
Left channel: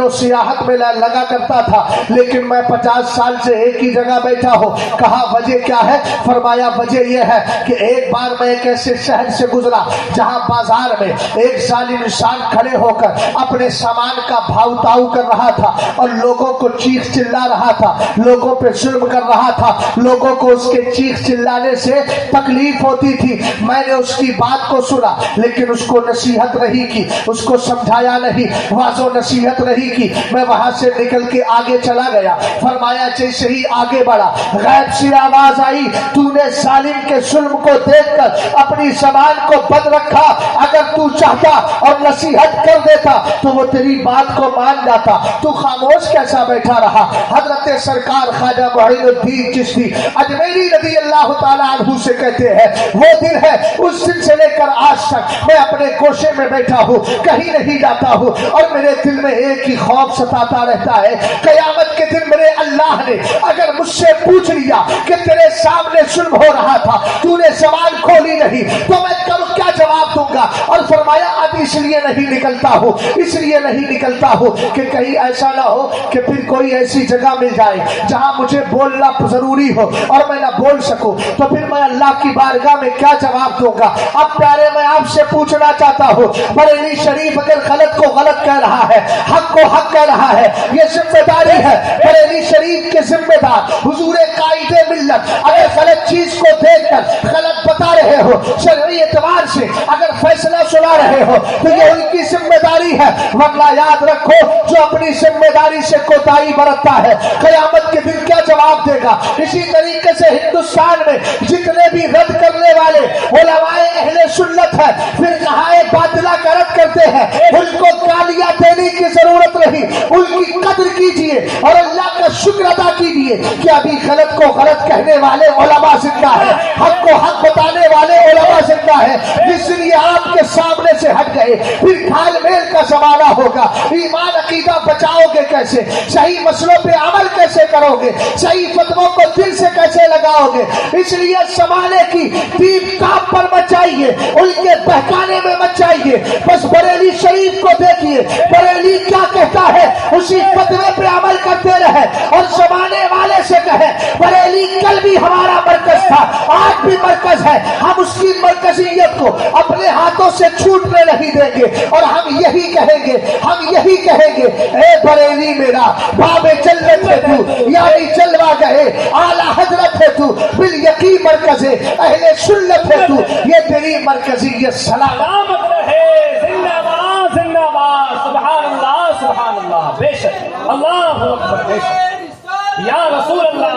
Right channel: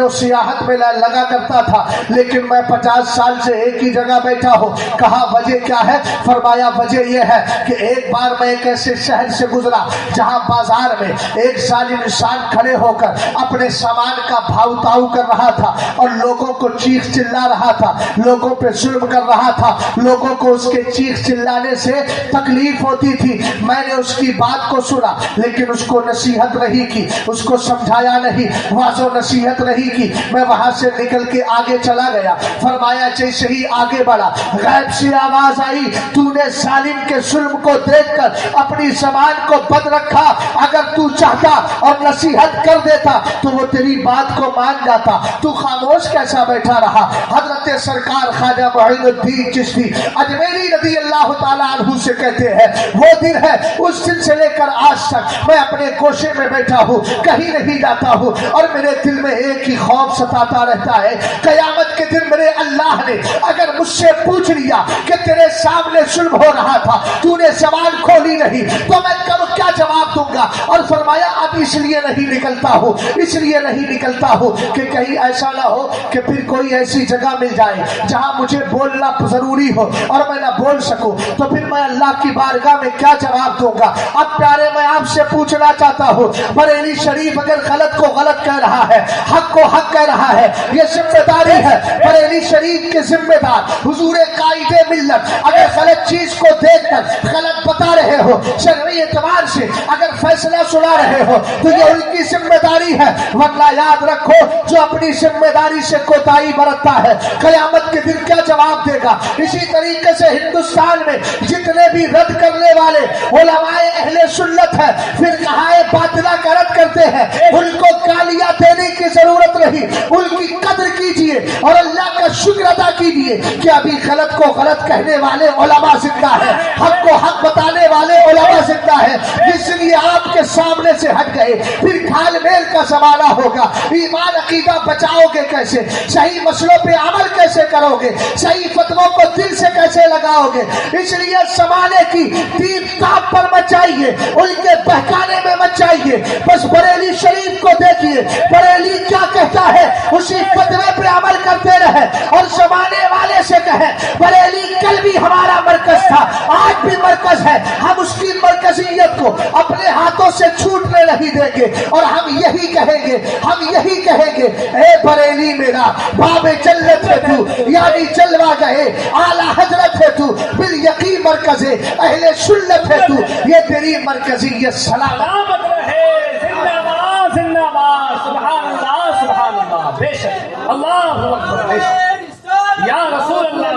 و سیاحت میں لگا کرتا تھا، لیکن میں 50 سال سے ایک ہی جگہ بیٹھا ہوں۔ کہا وجہ کیا ہے؟ فرمایا وجہ یہ ہے کہ ایک بار میں ایک ایسے شہر سے گزرا جہاں بازار میں ایک ظالم انسان کھڑے ہو کر اپنے سامان کا بھاؤ تاؤ کر رہا تھا اور لوگوں کو چیخ چلا رہا تھا، لوگوں پہ ظلم کر رہا تھا، لوگوں کو اس کے چیخ چلانے سے تکلیف ہوتی تھی۔ میں نے اس کی بات کو سنا لیکن اس کو نصیحت نہیں کی، اس کو سمجھایا نہیں، واضح نصیحت نہیں کی، میں وہاں سے نکل کے آگے چلا گیا۔ فرمایا جیسے ہی آگے بڑھا غیب سی آواز آئی، تو نے ظالم کے ظلم کو دیکھ کر اپنی زبان کو بند رکھا، اگر تو چاہتا اور نصیحت کر دیتا تو وہ تیری بات کو مان جاتا، تو خاموش کیسا بیٹھا رہا؟ حضرت سرکار خواجہ معین الدین چشتی اجمیری رضی اللہ تعالیٰ عنہ سے کہتے ہیں وہ دن ہے، اس دن سے لے کر آج تک میں اپنے گوشے میں بیٹھا ہوں، کہیں نہیں جاتا ہوں، اور میرے دل میں ایک ہی خوف ستاتا رہتا ہے، قیامت کے دن میرے اللہ نے اگر مجھ سے پوچھ لیا کہ تیرے سامنے ظلم ہو رہا تھا، تو نے زبان کھولی نہیں، تو میں کیا جواب دوں گا؟ اور فرمایا اب اس لیے نہیں نکلتا ہوں کہ کہیں ایسا نہ ہو کہ پھر کوئی ایسی جگہ مل جائے جہاں مجھے بولنا ضروری ہو اور میں نہ بول سکوں، تو پھر میں اللہ کی بارگاہ میں کیا جواب دوں گا؟ اب پیارے میں آپ سے پوچھنا چاہتا ہوں، بریلی شریف اگر غلط کو غلط کہہ رہا ہے، حق کو حق کہہ رہا ہے، یہ ذمہ داری ہے بریلی شریف کے ذمہ دار حضور قائد ملت اگر غلط چیز کو دیکھ کر غلط بتا رہے ہو، شرعی اعتبار سے اگر فیصلہ سنا رہے ہو تو یہ ان کی ذمہ داری ہے، ورنہ یاد رکھو جو اپنی ذمہ داری سے کوتاہی برتتا ہے قیامت کے دن کیا جواب دے گا؟ اسی طریقے سے ہندوستان میں جتنے بھی رد کرنے والے علماء اہل سنت ہے، پھر کہائے باطلہ کا رد کرتے ہیں، ان کو گالیاں دینے کی ضرورت نہیں، ان کی قدر کیجئے اور اللہ کا شکر ادا کیجئے کہ ابھی غلط کو غلط کہنے والے علماء زندہ ہے، حق کو حق بتانے والے علماء زندہ ہے، اس لیے آپ کے سامنے سے ہٹ گئے۔ پھر گھال میل کا زمانہ ہوگا، ایمان عقیدہ بچاؤ گے کیسے؟ صحیح مسئلوں پہ عمل کیسے کرو گے؟ صحیح فتووں کو دل سے کیسے لگاؤ گے؟ اس لیے زمانے کی تیب تاب پر مت جائیے، ان کے بہکانے میں مت جائیے، بس بریلی شریف کو دیکھیے، بریلی کیا کہتا ہے اسی فتوے پہ عمل کرتے رہے اور زمانے والے سے کہے بریلی کل بھی ہمارا مرکز تھا، آج بھی مرکز ہے، ہم اس کی مرکزیت کو اپنے ہاتھوں سے چھوٹنے نہیں دیں گے، اور ہم یہی کہیں گے اے بریلی میرا باب جلت ہے تو، یعنی جلوہ گئے اعلی حضرت ہے تو، بالیقین مرکز اہل سنت ہے تو، یہ تیری مرکزیت سلامت رہے، زندہ باد زندہ باد، سبحان اللہ بے شک، اللہ اکبر، بے شک یا رسول اللہ،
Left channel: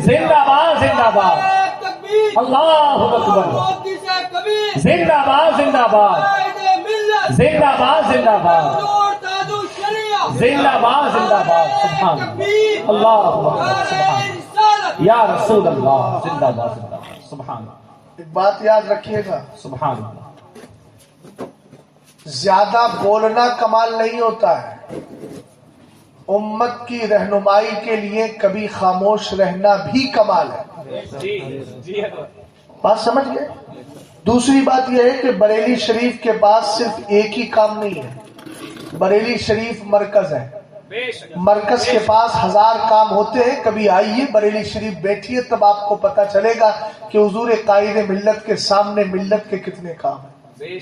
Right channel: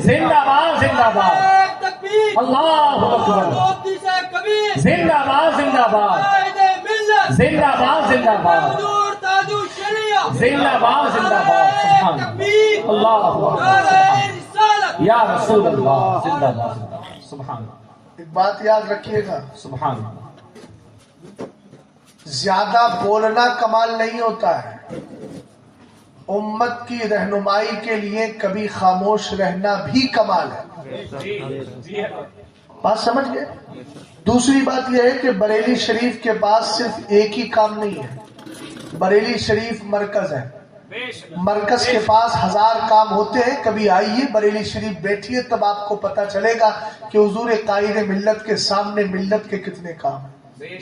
زندہ باد زندہ باد، اللہ اکبر، زندہ باد زندہ باد، زندہ باد زندہ باد، زندہ باد زندہ باد سبحان اللہ اکبر یا رسول اللہ زندہ باد زندہ باد سبحان اللہ ایک بات یاد رکھیے گا، سبحان اللہ زیادہ بولنا کمال نہیں ہوتا ہے، امت کی رہنمائی کے لیے کبھی خاموش رہنا بھی کمال ہے۔ بات سمجھ گئے؟ دوسری بات یہ ہے کہ بریلی شریف کے پاس صرف ایک ہی کام نہیں ہے، بریلی شریف مرکز ہے، مرکز کے پاس 1000 کام ہوتے ہیں۔ کبھی آئیے بریلی شریف بیٹھیے، تب آپ کو پتا چلے گا کہ حضور قائد ملت کے سامنے ملت کے کتنے کام ہیں۔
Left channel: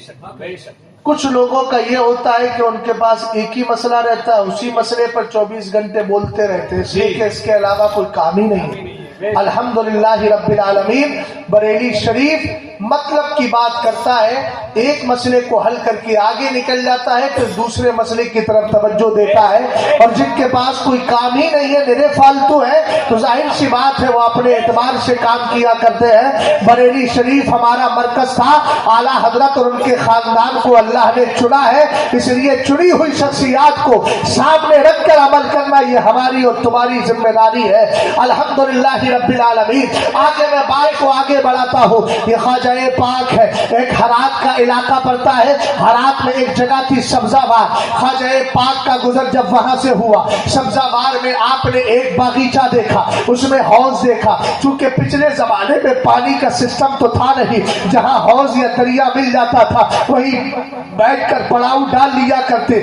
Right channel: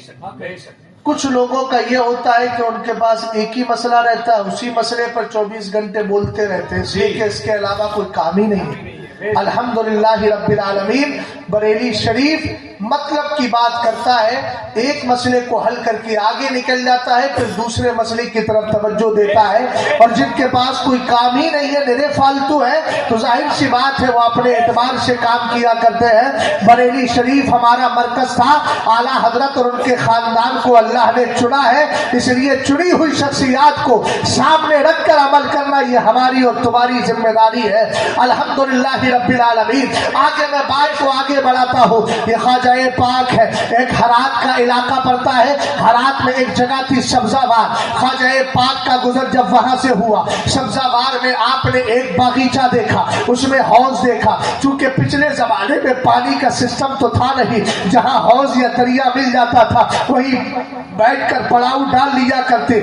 کچھ لوگوں کا یہ ہوتا ہے کہ ان کے پاس ایک ہی مسئلہ رہتا ہے، اسی مسئلے پر 24 گھنٹے بولتے رہتے ہیں، کہ اس کے علاوہ کوئی کام ہی نہیں ہے۔ الحمدللہ رب العالمین بریلی شریف مطلب کی بات کرتا ہے، ایک مسئلے کو حل کر کے آگے نکل جاتا ہے، پھر دوسرے مسئلے کی طرف توجہ دیتا ہے۔ اور جن کے پاس کوئی کام ہی نہیں ہے، میرے فالتو ہے، تو ظاہر سی بات ہے وہ اپنے اعتبار سے کام کیا کرتے ہیں۔ بریلی شریف ہمارا مرکز تھا، اعلیٰ حضرت اور ان کے خاندان کو اللہ نے چنا ہے، اس لیے چنی ہوئی شخصیات کو سامنے رکھ کر عمل کرنا یہ ہماری اور تمہاری ذمہ داری ہے۔ الحمدللہ رب العالمین۔ آگے میں بات کو آگے بڑھاتا ہوں۔ یہ خواجہ پاک ہے، ایک ہرات کا علاقہ پڑتا ہے، ہرات میں ایک جگہ تھی سبزہ وار۔ خواجہ پاک کا گزر جب وہاں سے ہوا، سبزہ وار میں آپ نے ایک باغیچہ دیکھا، اس میں حوض دیکھا۔ چونکہ پچھلے زمانے میں پانی کا سسٹم تو تھا نہیں، جہاں حوض یا دریا مل جاتا تھا وہیں بیٹھ کر پڑاؤ ڈال لیا کرتے۔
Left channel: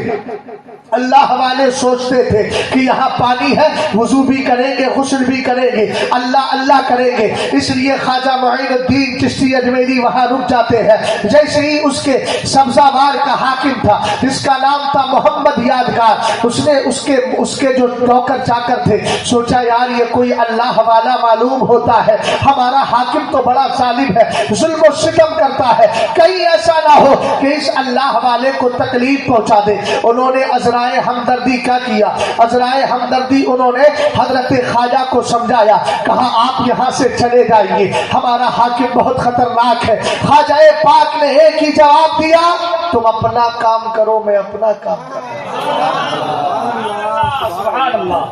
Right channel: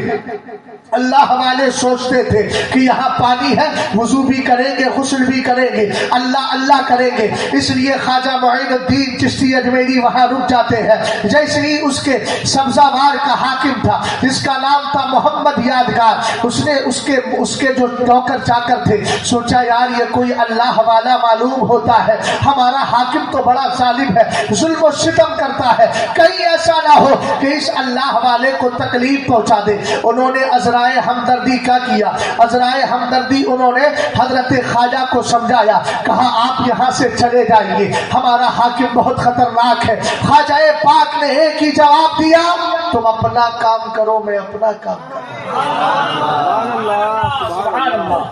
اللہ والے سوچتے تھے کہ یہاں پانی ہے، وضو بھی کریں گے، غسل بھی کریں گے، اللہ اللہ کریں گے، اس لیے خواجہ معین الدین چشتی اجمیری وہاں رک جاتے ہیں۔ جیسے ہی اس کے سبزہ وار کا حاکم تھا جس کا نام تھا محمد یادگار، اس نے اس کے جو نوکر چاکر تھے سوچا یار یہ کوئی اللہ والا معلوم ہوتا ہے، ہمارا حاکم تو بڑا ظالم ہے، ظلم و ستم کرتا ہے، کہیں ایسا نہ ہو کہ اس اللہ والے کو تکلیف پہنچا دے۔ انہوں نے عذرائے ہمدردی کا کیا، عذرائے ہمدردی انہوں نے حضرت خواجہ کو سمجھایا، کہا آپ یہاں سے چلے جائیے، ہمارا حاکم بہت خطرناک ہے۔ خواجہ پاک نے ایک ہی جواب دیا، تم اپنا کام کرو میں اپنا کام کروں۔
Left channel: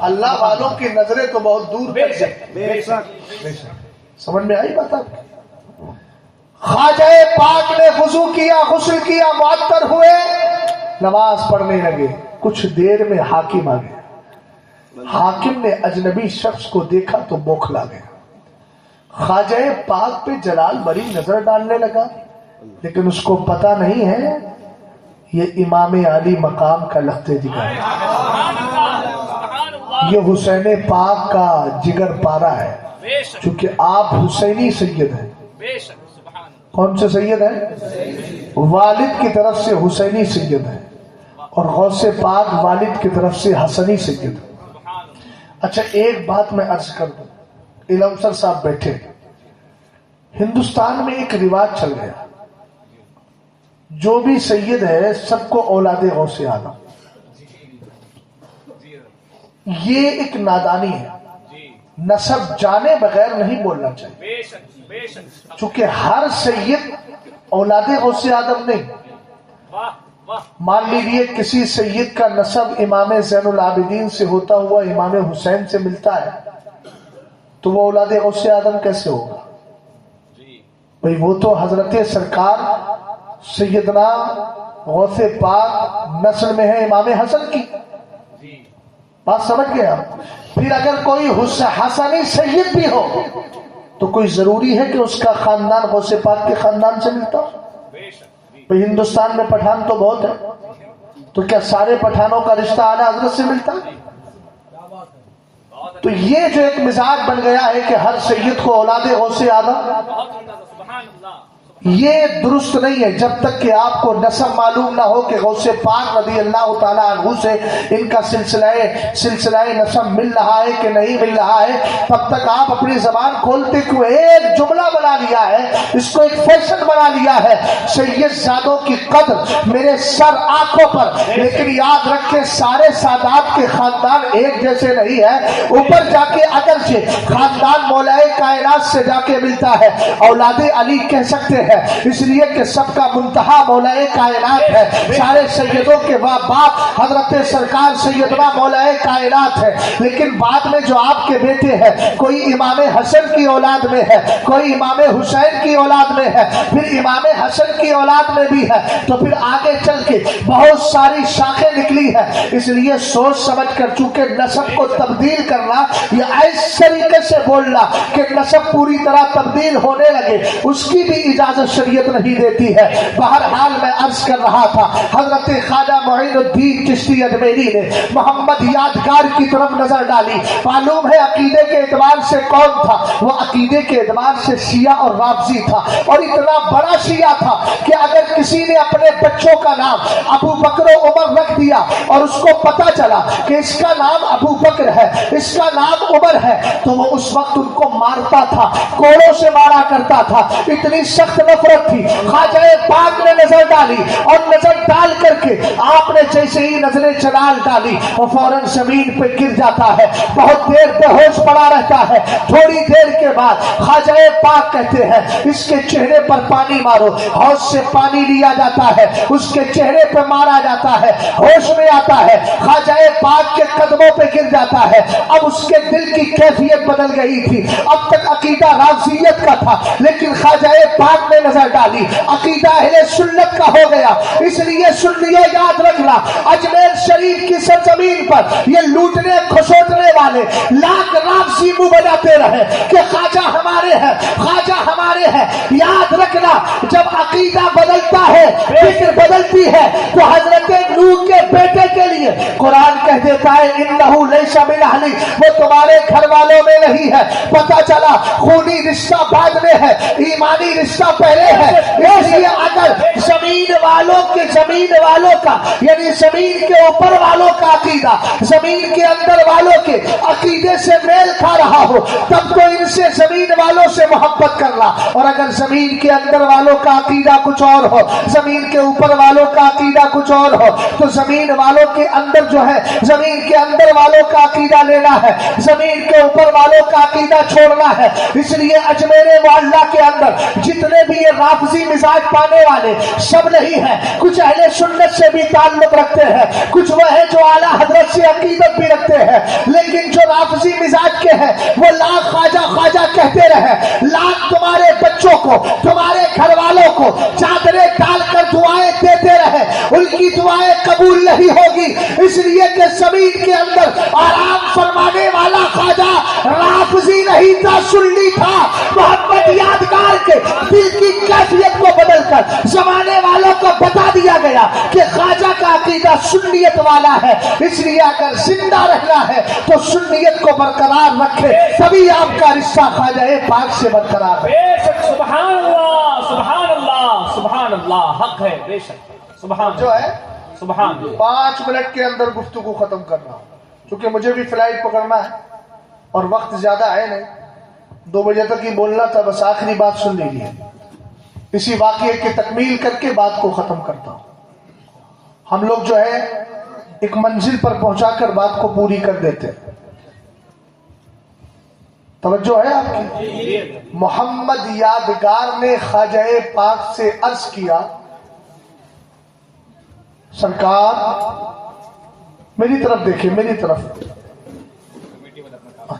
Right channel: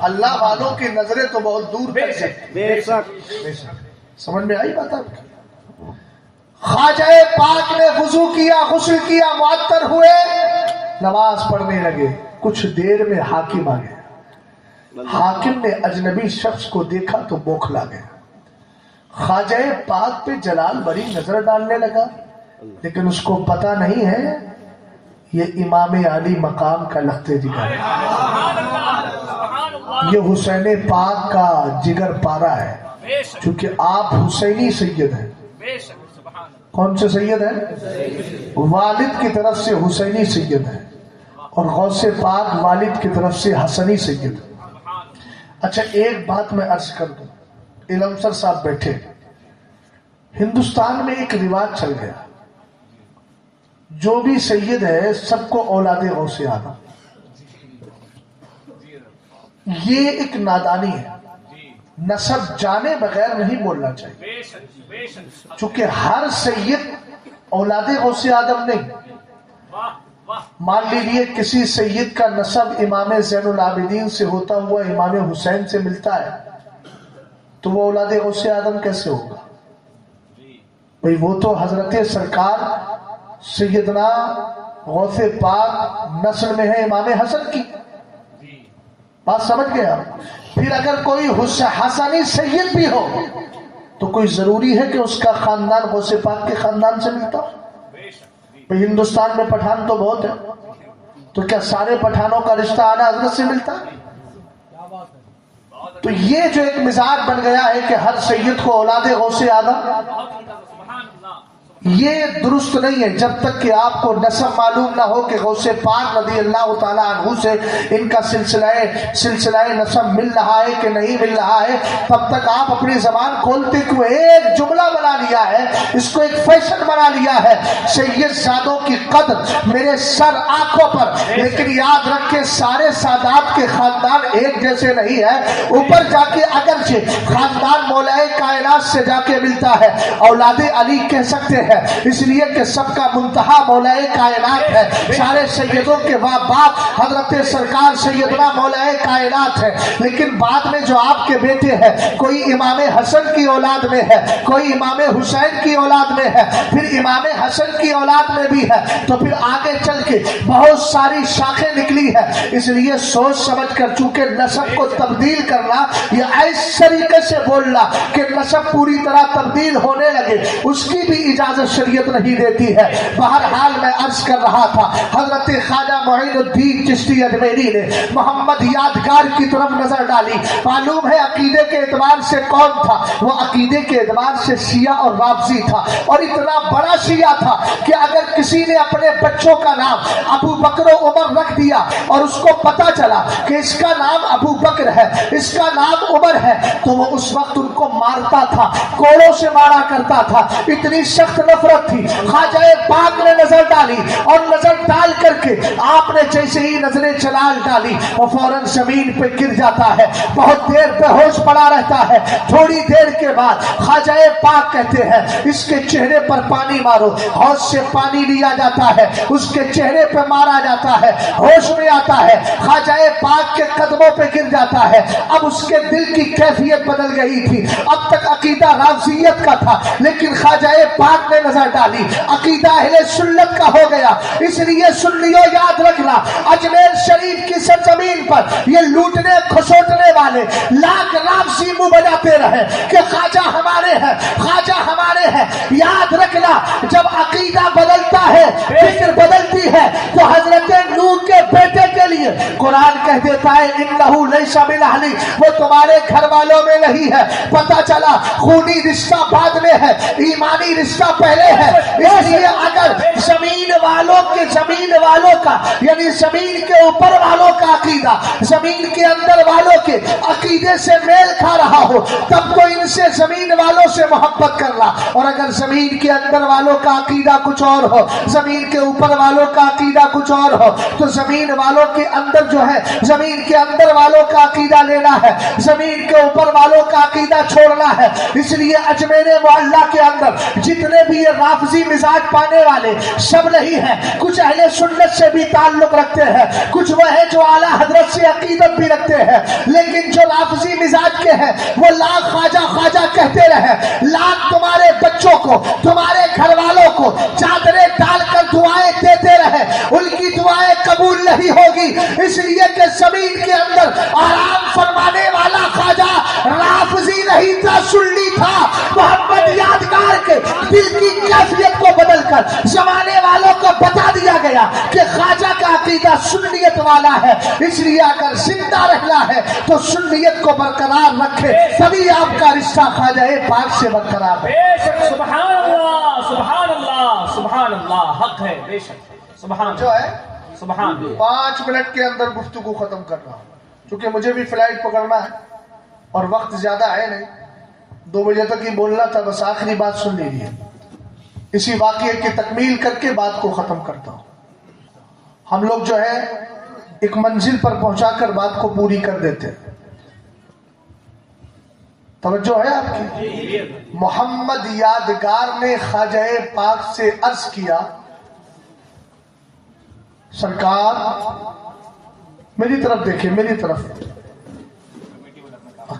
اللہ والوں کی نظریں تو بہت دور کر سمجھ میں آئی بات آپ کی؟ خواجہ پاک نے وضو کیا، غسل کیا، معطر ہوئے، نماز پڑھنے لگے۔ کچھ دیر میں حاکم آ گیا۔ حاکم نے اجنبی شخص کو دیکھا تو بوکھلا گیا۔ خواجہ پاک پہ جلال بری نظر ڈالنے لگا، لیکن اس کو پتا نہیں ہے یہ امام علی مقام کا لخت جگر ہے، یہ حسین پاک کا جگر پارا ہے، چونکہ آپ حسینی سید ہیں۔ کون سے سید ہیں؟ والد کی طرف سے حسینی سید ہیں، اور غوث پاک والد کی طرف سے حسنی سید ہیں۔ اچھا ایک بات میں عرض کر دوں، علم سر صاحب بیٹھے، ہندوستان میں ایک رواج چل گیا، جو بھی سید ہے سب کو اولاد غوث اعظم، یہ ایک نادانی ہے، نسب جانے بغیر نہیں بولنا چاہیے، چونکہ ہر سید اولاد غوث اعظم نہیں۔ مان لیجیے کسی سید کا نسب امام زین العابدین سے ہوتا ہوا امام حسین سے ملتا ہے، تو وہ اولاد غوث اعظم کیسے ہوگا؟ بھئی وہ تو حضرت سرکار سیدنا غوث پاک نسل میں ہے امام حسن کی، بات سمجھ گیا؟ پھر اگر کوئی حسنی سید بھی ہو تو کوئی ضروری ہے کہ اس کا خاندان غوث پاک کے خاندان سے ملتا ہو؟ بھئی ہندوستان میں پٹھان تو بہت ہے، تو کیا سارے پٹھانوں کا رشتہ اعلیٰ حضرت سے ملتا ہے؟ تو یہ جو ایک مزاج بن گیا ہے کہ ہر سید کو اولاد غوث اعظم، یہ درست نہیں ہے۔ جب تک کہ آپ کو نسب معلوم نہ ہو کہ غوث پاک رضی اللہ تعالیٰ عنہ سے ان کا سلسلہ نسب مل رہا ہے کہ نہیں مل رہا ہے، تب تک آپ اپنی زبان کھولتے کو ایک جملہ بنا لیا ہے، اس کو ایک فیشن بنا لیا ہے، سید زادوں کی قدر میرے سر آنکھوں پر، لیکن یاد رکھے سارے سادات کے خاندان ایک جیسے نہیں ہے۔ اوپر جا کے اگرچہ خاندان مولا کائنات سے جا کے ملتا ہے، اولاد علی کہہ سکتے ہیں، ہیں اس لیے کہ سب کا منتہا مولا کائنات ہے. سارے سیدوں کے باپ حضرت سرکار سیدنا مولا کائنات ہے. لیکن بعد میں جو آپ کے بیٹے ہیں, کوئی امام حسن کی اولاد میں ہے, کوئی امام حسین کی اولاد میں ہے, پھر امام حسن کی اولاد میں بھی ہے, تو پھر آگے چل کے بہت ساری شاخیں نکلی ہے. اس لیے سوچ سمجھ کر چونکہ نسب کو تبدیل کرنا یا اس طریقے سے بولنا کہ نسب پوری طرح تبدیل ہونے لگے, اس کی بھی اجازت شریعت نہیں دیتی ہے. بہرحال میں عرض کر رہا تھا, حضرت خواجہ معین الدین چشتی اجمیری نے محمد یادگار کی طرف نظر ڈالی. معلوم ہے عقیدے کے اعتبار سے کون تھا, وہ عقیدے کے اعتبار سے شیعہ اور رافضی تھا, اور اتنا بڑا شیعہ تھا کہ اگر کسی نے اپنے بچوں کا نام ابو بکر و عمر رکھ دیا اور اس کو پتا چلا کہ اس کا نام ابو بکر ہے, اس کا نام عمر ہے, تو وہ اس وقت ان کو مارتا تھا, کوڑوں سے مارا کرتا تھا. اتنی سخت نفرت تھی. خواجہ پاک نے نظر ڈالی اور نظر ڈال کر کے آپ نے جیسے ہی نظریں چلال ڈالی وہ فوراً زمین پہ گر جاتا ہے, بہت دیر بے ہوش پڑا رہتا ہے. تھوڑی دیر کے بعد خواجہ پاک کہتے ہیں اس کے چہرے پر پانی مارو. حوض سے پانی لیا جاتا ہے, اس کے چہرے پہ مارا جاتا ہے, ہوش میں آتا ہے, خواجہ پاک کے قدموں پہ گر جاتا ہے. اب اس کے دل کی کیفیت بدل گئی تھی. اب تک عقیدہ رافضیت کا تھا, لیکن خواجہ پاک نے نظر ڈالی عقیدہ اہل سنت کا ہو گیا. اس لیے سنیوں یاد رکھنا, اجمیر شریف کی سرزمین پر یہ لوٹنے کھسوٹنے والے لاکھ رافضی منہ بجاتے رہے کہ خواجہ ہمارے ہیں, خواجہ ہمارے ہیں. یاد رکھنا جب عقیدہ بدلتا ہے, فکر بدلتی ہے, تو حضرت نوح کے بیٹے کے لیے قرآن کہہ دیتا ہے انہو لیس من اہلی, وہ تمہارے گھر والوں میں نہیں ہے. پتہ چلا خونی رشتہ بعد میں ہے, ایمانی رشتہ پہلے ہے. اس لیے اگر زمین والوں کا یعنی زمین کے اوپر والوں کا عقیدہ زمین کے اندر والوں کے عقیدے سے میل کھا رہا ہو, تب تو ان سے زمین والوں سے محبت کرنا. اور اگر زمین کے اندر والوں کا عقیدہ کچھ اور ہو, زمین کے اوپر والوں کا عقیدہ کچھ اور ہو, تو زمین والوں کے اندر جو ہے زمین کے اندر والوں کا عقیدہ لینا ہے, زمین کے اوپر والوں کا عقیدہ چھوڑنا ہے. اس لیے اجمیر معلیٰ کے اندر جتنے بھی یہ رافضی مزاج پانے والے سب نہیں ہیں. کچھ اہل سنت سے بھی تعلق رکھتے ہیں, کچھ وہ ہیں جو اعلیٰ حضرت سے عقیدت بھی رکھتے ہیں, لیکن جو رافضی مزاج کے ہیں وہ لاکھ خواجہ خواجہ کہتے رہے, لاکھ تمہارے بچوں کو تمہارے گھر والوں کو چادریں ڈال کر دعائیں دیتے رہے, ان کی دعائیں قبول نہیں ہوگی. اس لیے کہ زمین کے اندر آرام فرمانے والا خواجہ رافضی نہیں تھا, سنی تھا. محمد یادگار کے دل کی کیفیت کو بدل کر زمانے والوں کو بتا دیا گیا کہ خواجہ کا عقیدہ سنیت والا ہے. اس لیے اگر زندہ رہنا ہے تو سنیت کو برقرار رکھے, تبھی آپ کا رشتہ خواجہ پاک سے برقرار ہے. بے شک سبحان اللہ سبحان اللہ سبحان اللہ, حق ہے بے شک. سبحان جو ہے سبحان اللہ. 5 منٹ کے اندر گفتگو ختم کر رہا ہوں, کیونکہ مجھے بھی فلائٹ پکڑنا ہے اور وقت زیادہ ہے نہیں. 2 بجے تک ہی بولنا تھا, بس آخری بات سن لیجیے. اسی واقعے کی تکمیل کر کے بات کو ختم کرتا ہوں. ہم لوگ جو ہے ایک منزل پر پہنچا کر بات کو پوری کر دیتے ہیں. توجہ ہے آپ کی؟ محمد یادگار نے خواجہ پاک سے عرض کیا, سرکار میری طرف دیکھیں, میری طرف.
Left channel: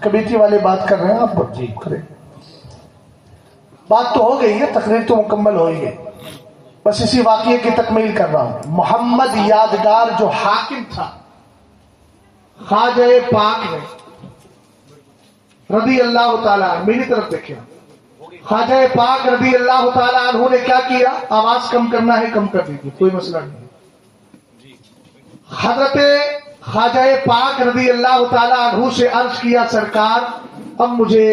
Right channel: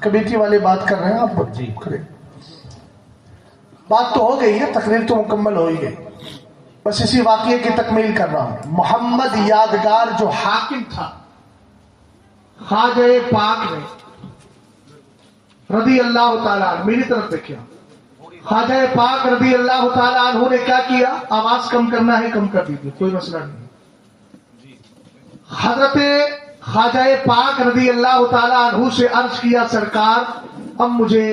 کمیٹی والے بات کر رہے ہیں, آپ کریں. بات تو ہو گئی ہے, تقریر تو مکمل ہو ہی گئی, بس اسی واقعے کی تکمیل کر رہا ہوں. محمد یادگار جو حاکم تھا, خواجہ پاک نے رضی اللہ تعالیٰ, میری طرف دیکھیں, خواجہ پاک رضی اللہ تعالیٰ عنہ نے کیا کیا؟ آواز کم کرنا ہے کم کر دیجیے, کوئی مسئلہ نہیں. حضرت خواجہ پاک رضی اللہ تعالیٰ عنہ سے عرض کیا, سرکار اب مجھے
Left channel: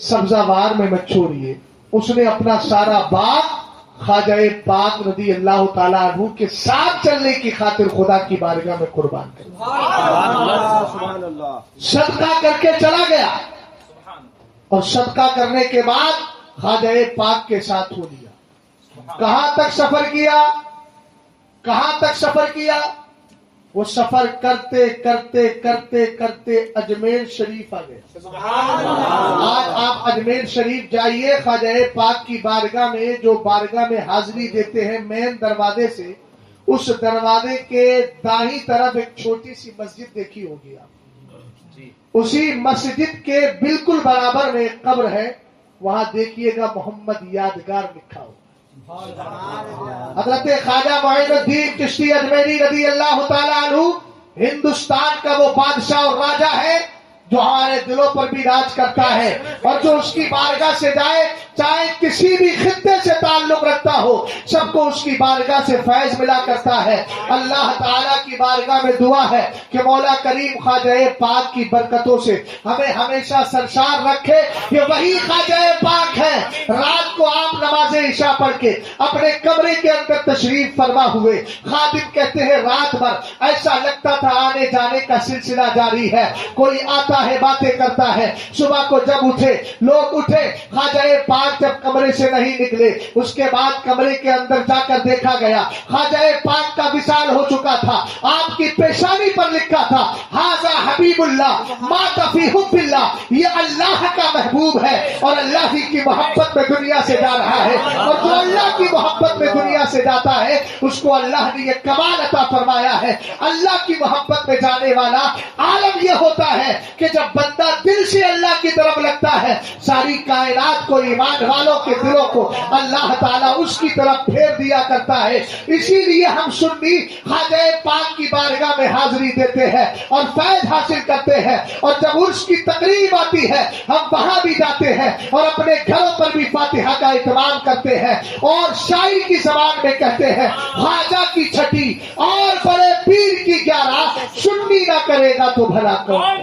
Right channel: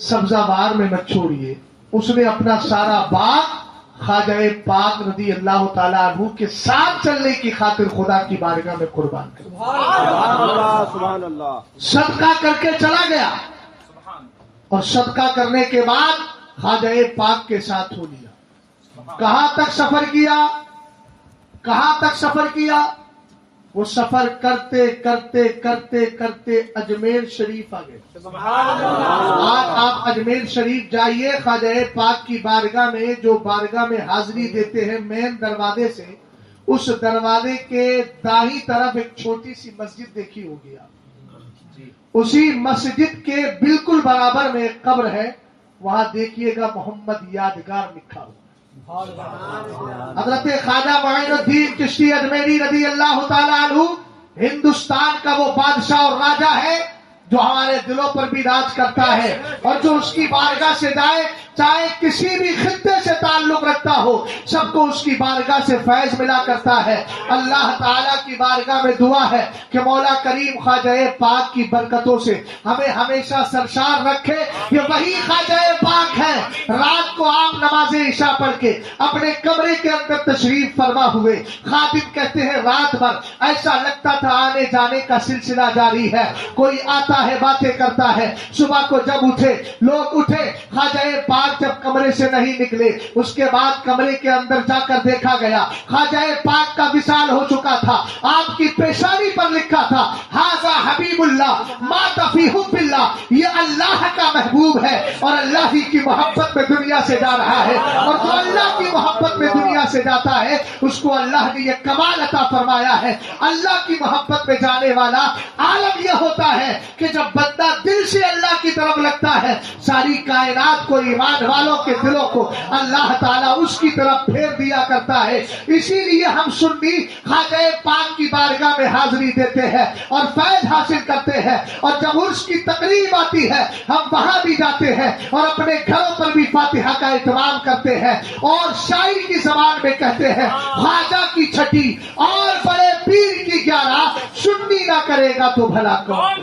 سبزہ بار میں مت چھوڑیے. اس نے اپنا سارا باغ خواجہ پاک رضی اللہ تعالیٰ عنہ کے ساتھ چلنے کی خاطر خدا کی بارگاہ میں قربان کر دیا. صدقہ کر کے چلا گیا, اور صدقہ کرنے کے بعد خواجہ پاک کے ساتھ ہو لیا. کہاں تک سفر کیا؟ کہاں تک سفر کیا؟ وہ سفر کرتے کرتے کرتے کرتے اجمیر شریف آ گئے. آج آپ اجمیر شریف جائیے, خواجہ پاک کی بارگاہ میں, جو بارگاہ میں حاضری دیتے ہیں مین دروازے سے, اس دروازے کے دائیں طرف ایک چھوٹی سی مسجد دیکھی ہوگی آپ. اسی مسجد کے بالکل برابر میں ایک قبر ہے, وہاں دیکھیے گا محمد یادگار لکھا ہو. حضرت خواجہ معین الدین چشتی اجمیری رضی اللہ تعالیٰ عنہ ہندوستان کا وہ بادشاہ اور راجا ہے جو ہمارے دلوں پر بھی راج کرتا ہے, اور جو اس کی بارگاہ سے جائے, چاہے کسی بھی خطے سے تعلق رکھتا ہو, سب کو اس کی بارگاہ سے فیض ملا کرتا ہے. اللہ تعالیٰ کی بارگاہ میں دعا ہے کہ مولا کریم خواجہ پاک کی برکتوں سے ہمیں ہمیشہ سرشار رکھے. کہ وہی خواجہ پاک ہے رات کو آپ نماز عشاء پڑھ کے اپنے کمرے کے اندر تشریف فرما ہوئے. خادم کہتے ہیں رات بھر ایسا لگتا تھا آنے جانے کا سلسلہ جاری ہے, کوئی آتا ہے باتیں کرتا ہے. صبح کو جب اٹھے, لوگ اٹھے, خواجہ پاک جب کمرے سے نہیں نکلے, اس کے بعد کمرے کے اندر جا کر دیکھا گیا خواجہ پاک کا وصال ہو چکا تھا. آپ کی پیشانی پر لکھا تھا ھذا حبیب اللہ مات فی حب اللہ, یہ اللہ کا محبوب ہے اور اللہ ہی کی محبت میں دنیا سے جا رہا ہے. اور جو اللہ کی محبت میں دنیا سے جاتا ہے اس کو اللہ نے یہ کمال عطا فرمایا ہے. اللہ کی محبت میں جانے والا عالم یہ ہوتا ہے کہ جب بندہ دل سے اللہ کی طرف لگتا ہے, ساری کائنات کو, ایمان والوں کے دلوں کو اللہ تعالیٰ اس کی طرف پھیر دیا کرتا ہے. اسی لیے ہم سنی خواجہ پاک کی بارگاہ میں حاضری دیتے ہیں اور فیض حاصل کرتے ہیں, اور جب عرس کی تقریب آتی ہے ہم وہاں بھی جاتے ہیں اور اپنے گھروں پر بھی فاتحہ کا اہتمام کرتے ہیں, اور شاعری کی زبان میں کہتے ہیں خواجہ کی چھٹی اور بڑے پیر کی 11, سنی نہ کرے گا تو بھلا کون.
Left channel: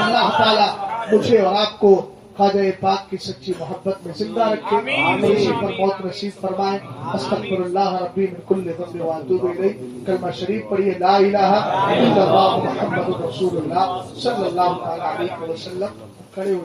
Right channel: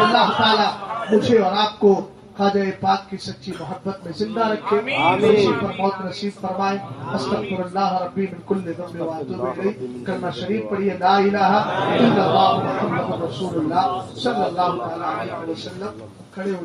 اللہ تعالیٰ مجھے اور آپ کو خواجہ پاک کی سچی محبت میں زندہ رکھے, اسی پر موت نصیب فرمائے. استغفر اللہ ربی من کل ذنب واتوب الیہ. کلمہ شریف پڑھیے لا الہ الا اللہ محمد رسول اللہ صلی اللہ تعالی علیہ وسلم. کھڑے ہو